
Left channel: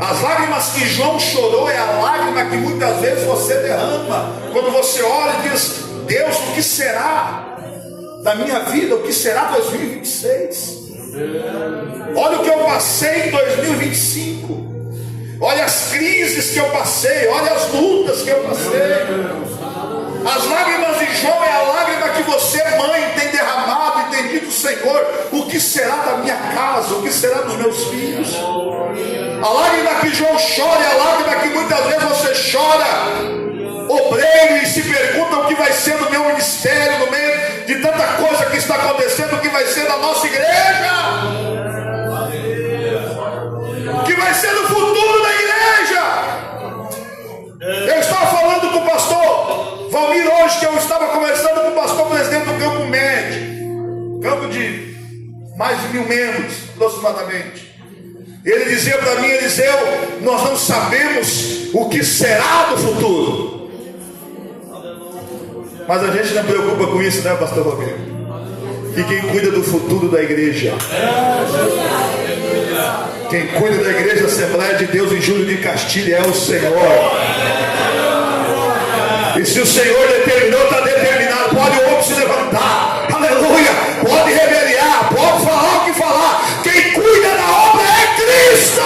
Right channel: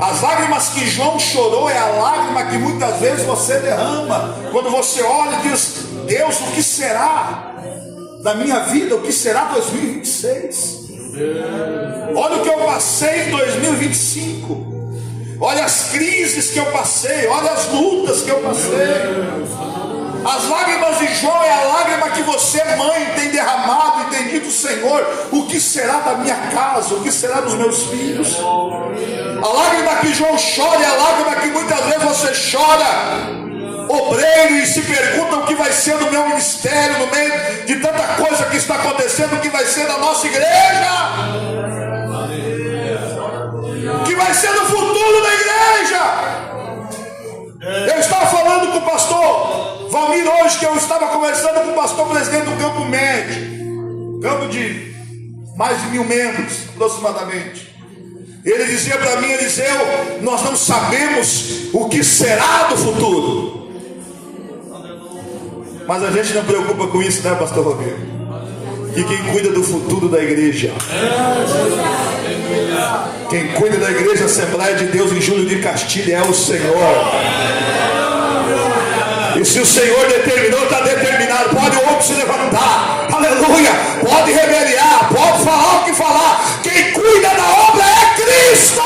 As lágrimas que João chorou é a lágrima que muitas vezes você derrama quando você olha e diz: Deus, o que será da minha vida? O que será 2026? Olha o que eu passei em 2025. Olha as crises que eu passei, olha as lutas que eu passei. As lágrimas de João é a lágrima que você, mãe, tem derramado e tem dito: Senhor, o que será da minha casa? O que será dos meus filhos? A lágrima que João chora é a lágrima que muitas vezes você chora, obreiro, e se pergunta o que vai ser do meu ministério, no meio de tanta coisa que está acontecendo, o que vai ser da nossa igreja, o que vai ser do futuro da igreja. Eu estava falando com o pastor Valmir hoje, que eu estava conversando com o pastor presidente do Campo Médio, campo de mais de 1000 membros aproximadamente. Ele dizia para mim: Eliseu, nós não sabemos o que será do futuro, mas a gente não preocupa com isso, né, pastor Rodrigo? E quem cuida do futuro da igreja, quem cuida da igreja Assembleia de Deus em Júlio de Castilha é o Senhor. E se o Senhor determinou, está determinado. Pode o homem se levantar, aleluia, pode rebeliar, pode falar o que falar. Quem cuida da obra é Cristo.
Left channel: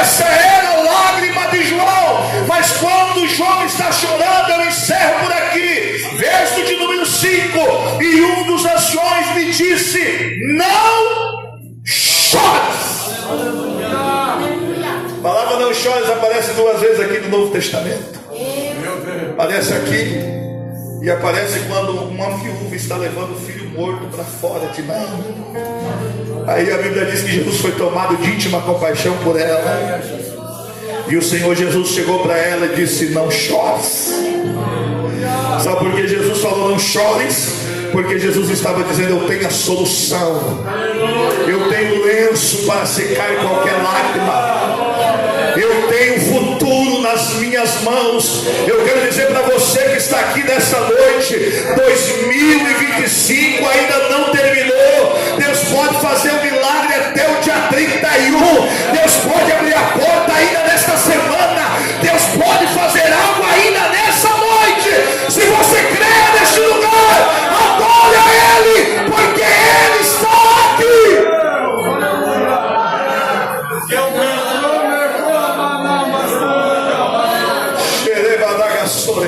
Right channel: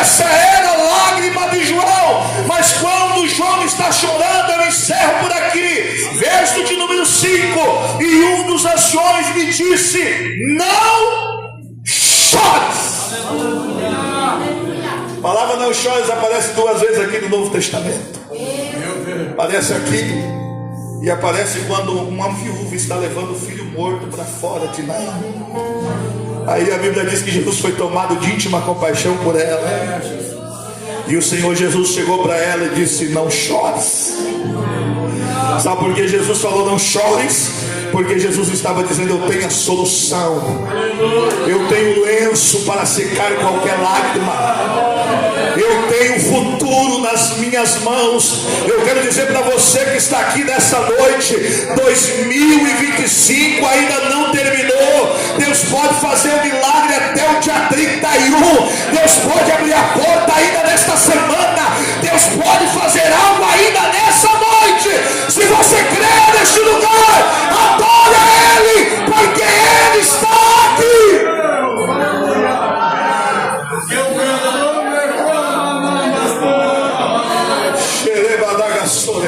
Essa era a lágrima de João. Mas quando João está chorando, eu encerro por aqui. Verso de número 5. E um dos anciões me disse: não chores. A palavra não chores aparece 2 vezes aqui no Novo Testamento. Aparece aqui e aparece quando uma viúva está levando o filho morto para fora de Naim. Aí a Bíblia diz que Jesus foi tomado de íntima compaixão por ela. E o Senhor Jesus chegou para ela e disse: não chores. Sabe por que Jesus falou não chores? Porque Jesus estava dizendo: eu tenho a solução. Eu tenho lenço para secar qualquer lágrima. Eu tenho futuro nas minhas mãos. Eu quero dizer para você que está aqui nessa noite: 2025 ainda não terminou. Deus pode fazer um milagre até o dia 31. Deus pode abrir a porta ainda nesta semana. Deus pode fazer algo ainda nessa noite. Se você crê neste lugar, adore a Ele, porque Ele está aqui.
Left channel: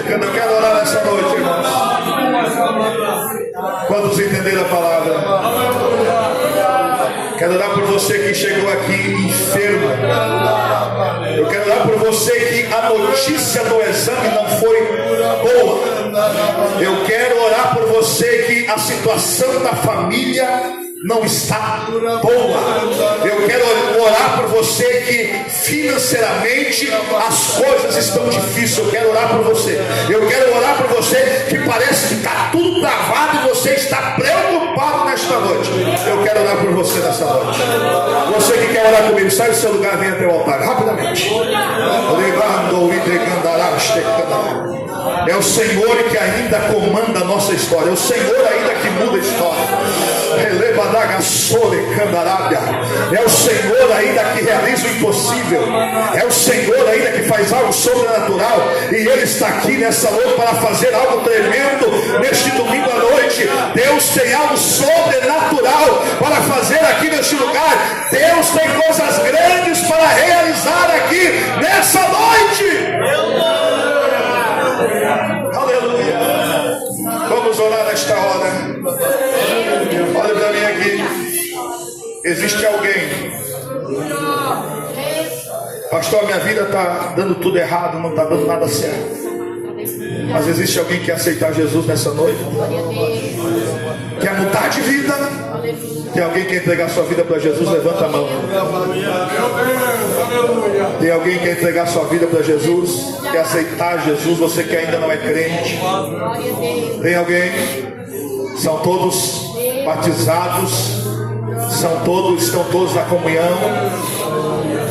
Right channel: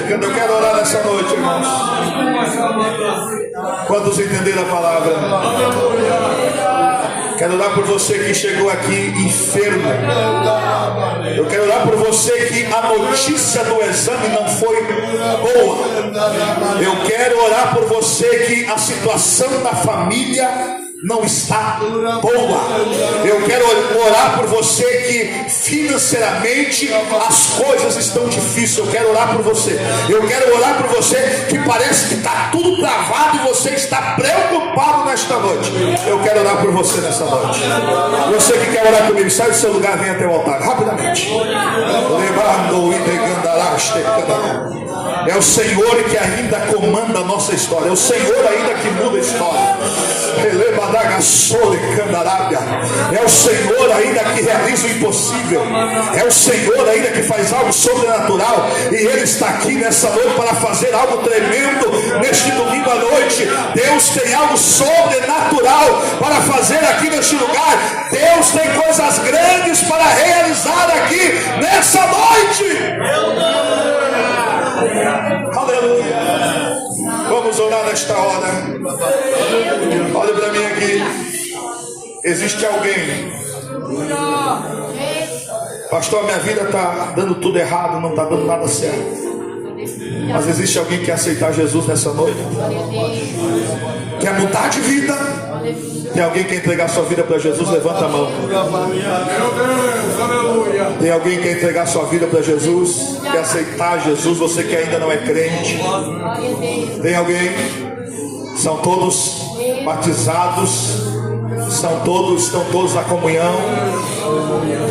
Eu quero orar nessa noite, irmãos. Quantos entenderam a palavra? Quero orar por você que chegou aqui enfermo. Eu quero orar por você que a notícia do exame não foi boa. Eu quero orar por você que a situação da família não está boa. Eu quero orar por você que financeiramente as coisas estão difíceis. Eu quero orar por você. Eu quero orar por você que parece que está tudo travado e você está preocupado nesta noite. Eu quero orar por você nesta noite. Você que quer orar comigo, sai do seu lugar, vem até o altar rapidamente. Levando, entregando a É o Senhor que ainda comanda a nossa história. É o Senhor ainda que muda a história. É o Senhor ainda que realiza o impossível. É o Senhor ainda que faz algo sobrenatural. E Ele está aqui nessa noite para fazer algo tremendo neste domingo à noite. Deus tem algo sobrenatural para fazer aqui neste lugar. Deus tem coisas grandes para realizar aqui nessa noite. Aleluia. Vamos orar nesta hora. Olha para mim aqui. Existe alguém: pastor, minha vida está dando tudo errado, não está dando nada certo. Mas existe alguém que quer aceitar Jesus nessa noite? Quer mudar de vida? Tem alguém que quer entregar sua vida para Jesus? Levanta a mão. Tem alguém que quer entregar sua vida para Jesus? Quer aceitar Jesus? Você que ainda não é crente? Tem alguém? São todos batizados? Estão todos na comunhão?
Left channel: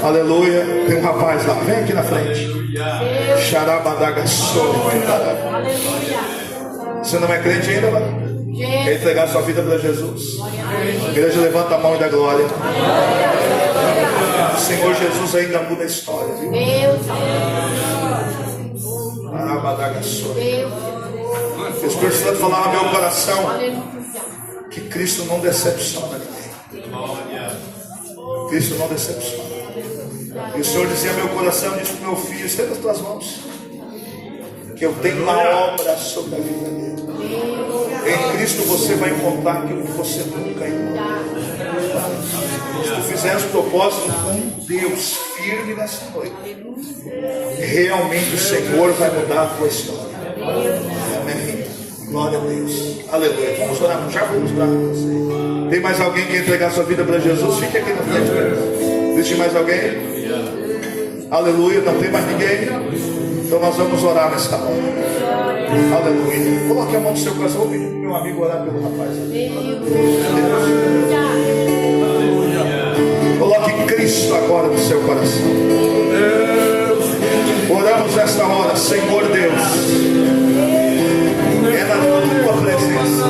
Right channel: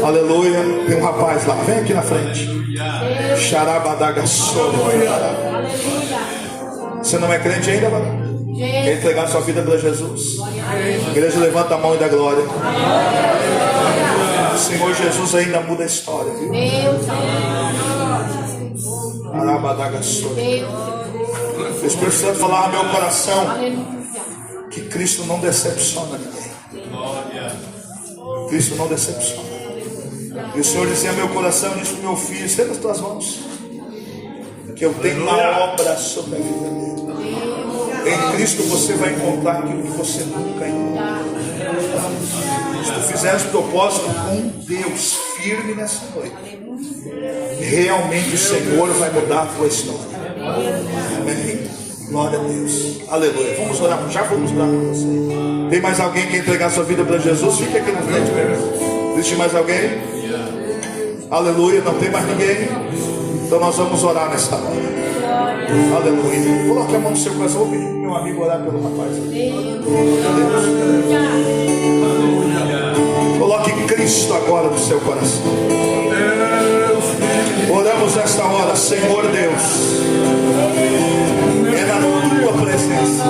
Aleluia. Tem um rapaz lá, vem aqui na frente. Você não é crente ainda, mano? Quer entregar sua vida para Jesus? A igreja, levanta a mão e dá glória. O Senhor Jesus ainda muda a história, viu? Eu estou precisando falar no meu coração que Cristo não decepciona. Cristo não decepciona. E o Senhor dizia ao meu coração, disse para o meu filho: estenda as tuas mãos, que eu tenho uma obra sobre a vida dele. Em Cristo você vai encontrar aquilo que você nunca encontrou. Se tu fizer os propósitos com Deus firme nessa noite, realmente o Senhor vai mudar a tua história. Amém. Glória a Deus. Aleluia. Vamos orar, já vamos orar com você. Tem mais alguém que quer entregar sua vida para Jesus? Fique aqui na frente, meu irmão. Existe mais alguém? Aleluia. Não tem mais ninguém? Então nós vamos orar nesta hora. Aleluia. Coloque a mão no seu coração. Vou pedir para o meu amigo orar pelo rapaz. Coloque Cristo agora no seu coração. Oramos nesta hora, Senhor Deus. É na tua presença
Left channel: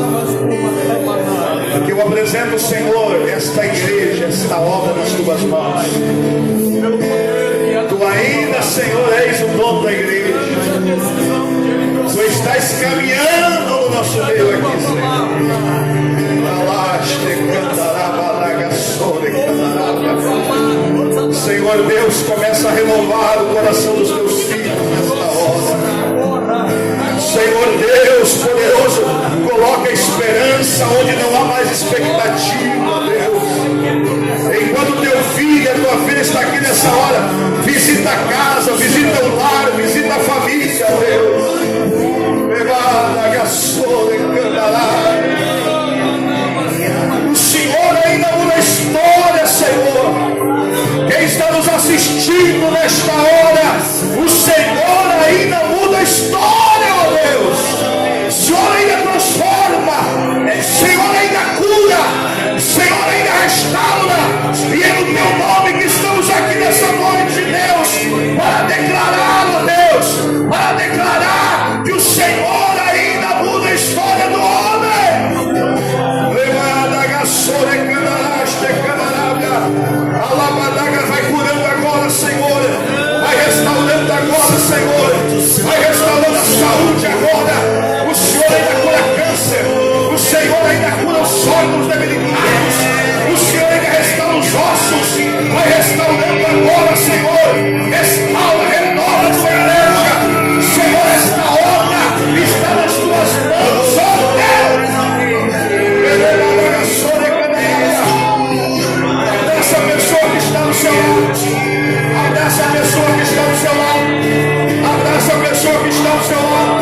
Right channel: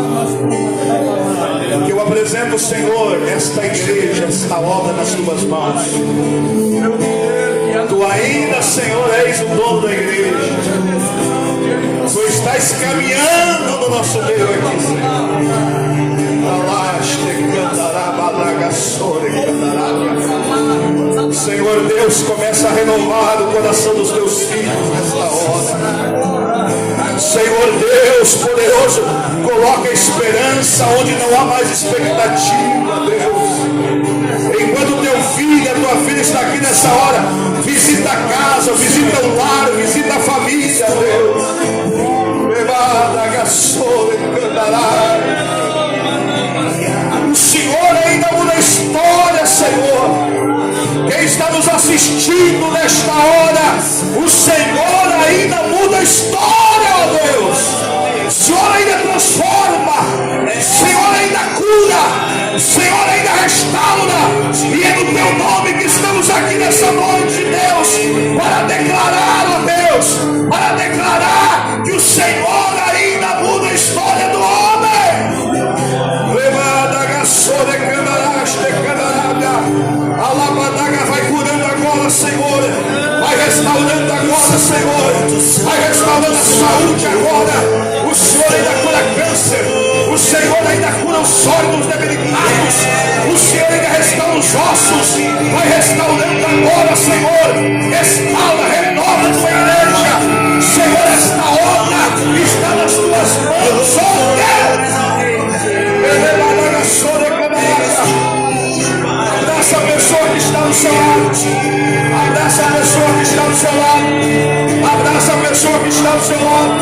que eu apresento momento, Senhor, esta igreja está obra nas tuas mãos. Tu ainda, Senhor, és o dono da igreja. Tu estás caminhando no nosso meio aqui, Senhor. Senhor Deus, começa a renovar o coração dos teus filhos nesta hora. Senhor Deus poderoso, coloca esperança onde não há mais expectativa, Deus. Enquanto teu filho, a tua filha está aqui nessa hora, visita a casa, visita o lar, visita a família, Deus. O Senhor ainda muda a história, Senhor. Quem está nos assistindo nesta hora, o Senhor ainda muda a história, ó Deus. O Senhor ainda transforma, o Senhor ainda cura, o Senhor ainda restaura. E é no teu nome que estamos aqui nessa noite, Deus, para declarar, ó Deus, para declarar que o Senhor ainda muda a história do homem. Vai curando agora, Senhor. Vai restaurando agora, Senhor. Vai restaurando a saúde agora. O Senhor ainda cura câncer. O Senhor ainda cura os órgãos debilitados. O Senhor ainda restaura os ossos. Vai restaurando agora, Senhor. Restaura, renova a tua igreja. Senhor, esta obra está nas tuas mãos, ó Deus. Abraça a pessoa que está no seu lado. Abraça a pessoa que está no seu lado. Abraça a pessoa que está no seu lado.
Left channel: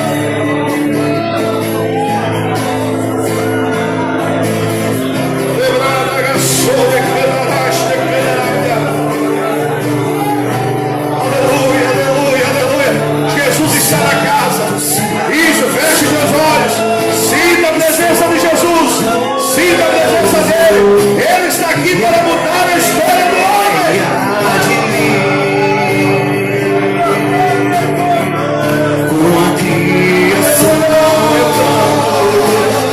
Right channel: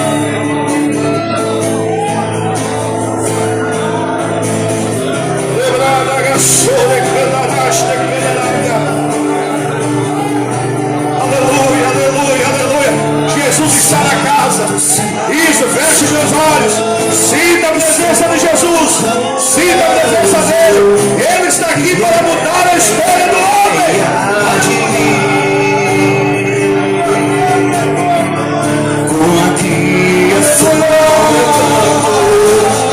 Aleluia, aleluia, aleluia. Jesus está na casa. Isso, feche seus olhos. Sinta a presença de Jesus. Sinta a presença dele. Ele está aqui para mudar a história do homem. Com a criação,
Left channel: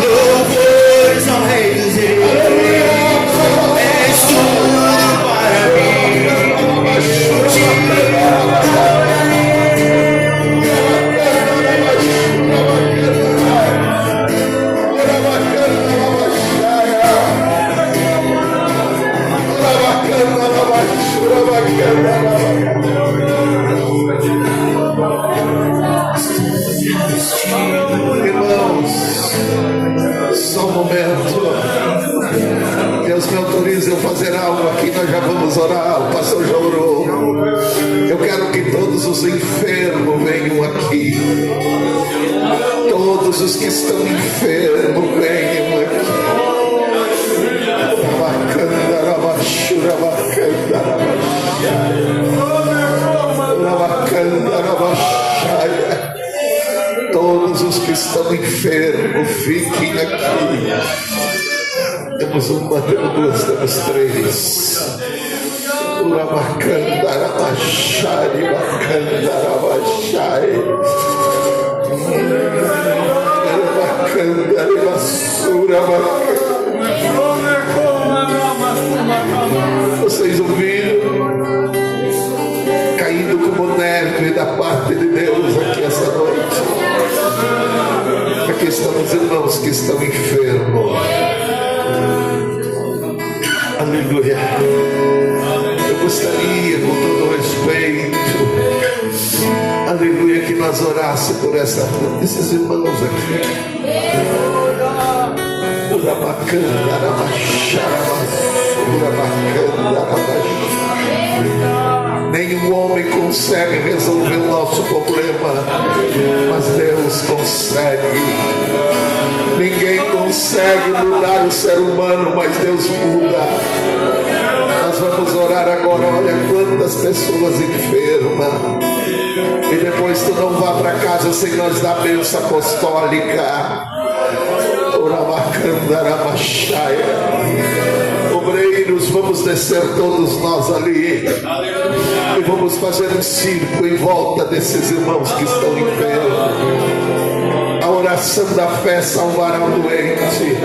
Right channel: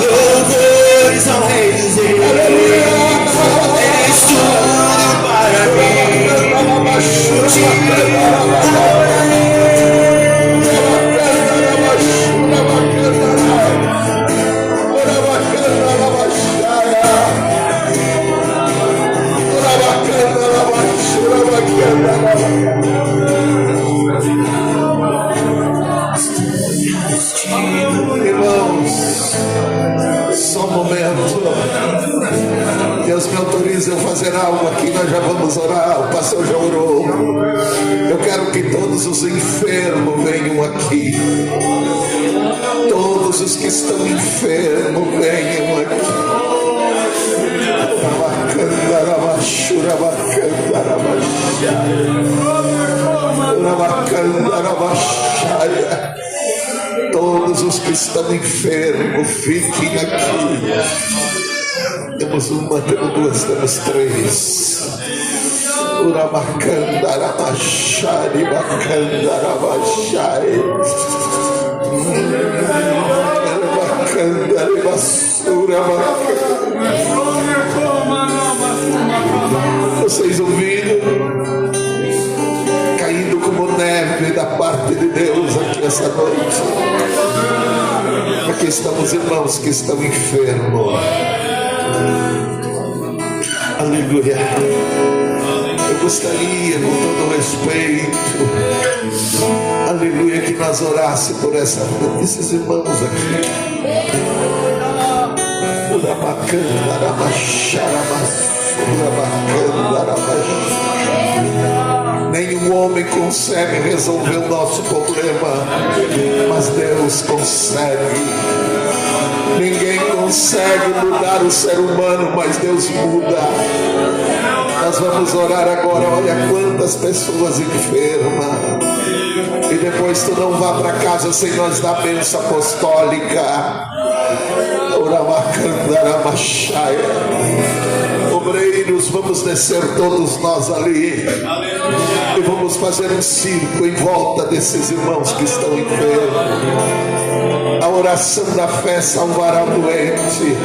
louvores ao Rei dos Reis. És tudo para mim. Irmãos, só um momento. Deus me autoriza a fazer algo aqui. Nós já vamos orar. O pastor já orou. Eu quero que todos os enfermos venham aqui. Todos os que estão enfermos venham aqui. Todos os que estão enfermos, fiquem aqui. Temos uma, temos duas, temos três. Vocês ouviram? Caindo como neve da parte de Deus aqui essa noite. Aqui estão os irmãos que estão enfermos. Aleluia. Eu gostaria, com todo respeito, aleluia, que nós orássemos por esses irmãos aqui. Nenhum homem consegue resolver o nosso problema, mas Deus consegue. Ninguém consegue mudar o ser humano, mas Deus muda. Nós vamos orar agora. Olha quantas pessoas enfermas. E depois tu não vá para casa sem nós dar a bênção apostólica. Obreiros, vamos descer todos nós ali e vamos fazer um círculo em volta desses irmãos que estão enfermos. A oração da fé salvará o doente.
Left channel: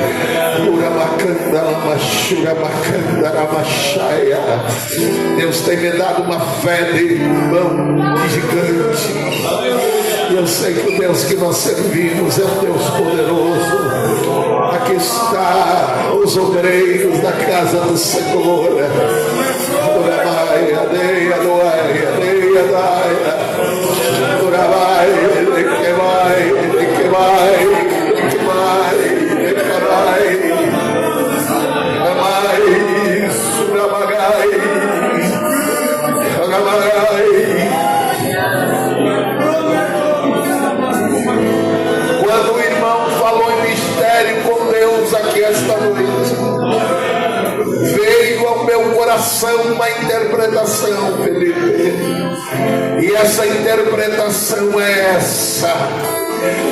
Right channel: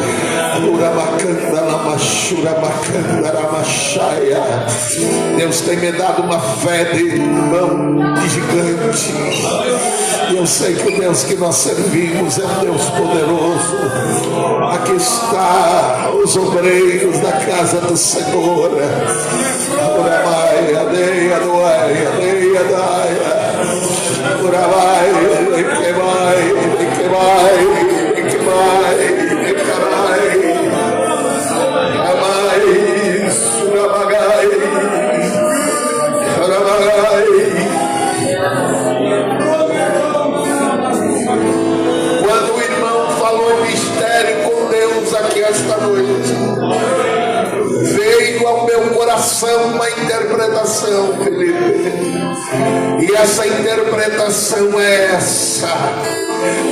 Deus tem me dado uma fé de irmão, de gigante. E eu sei que o Deus que nós servimos é um Deus poderoso. Aqui está os obreiros da casa do Senhor. Quando o irmão falou em mistério com Deus aqui esta noite, veio ao meu coração uma interpretação, Felipe. E essa interpretação é essa:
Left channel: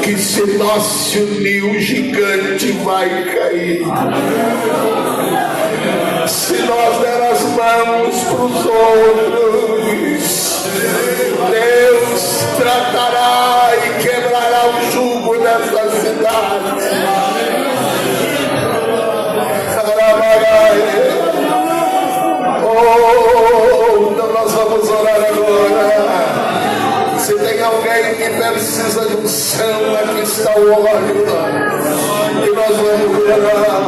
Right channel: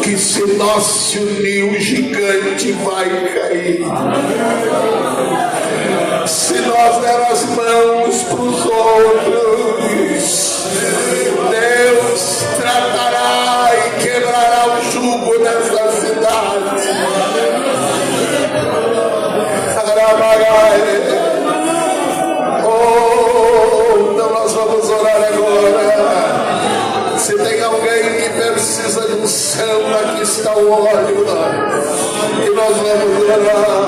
que se nós se unir, o gigante vai cair. Se nós der as mãos para os outros, Deus tratará e quebrará o jugo dessa cidade. Então nós vamos orar agora. Se tem alguém que precisa de um céu, aqui está o óleo. E nós vamos orar.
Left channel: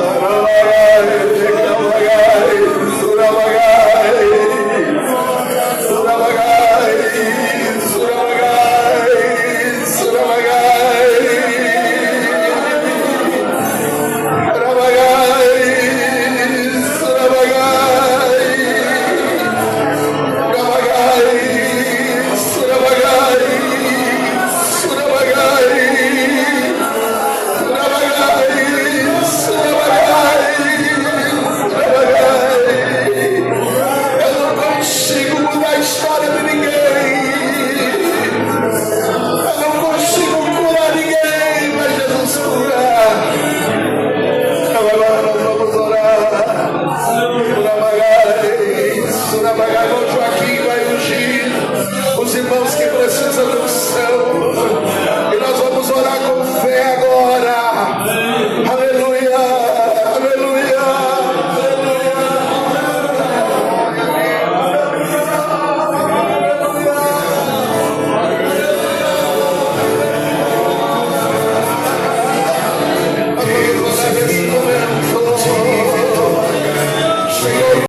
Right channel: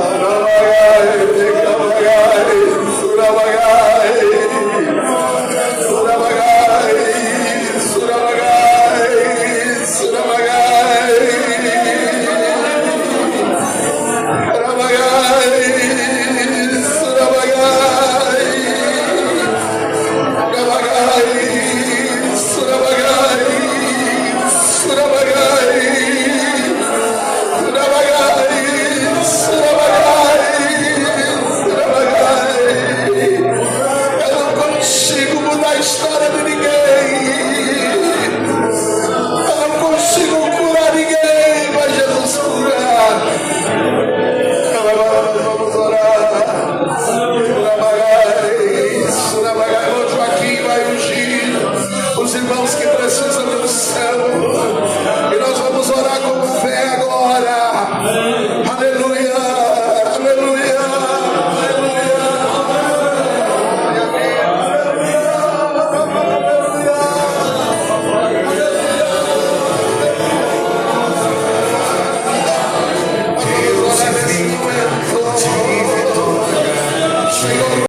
Os irmãos que precisam do céu, e nós vamos orar com fé agora.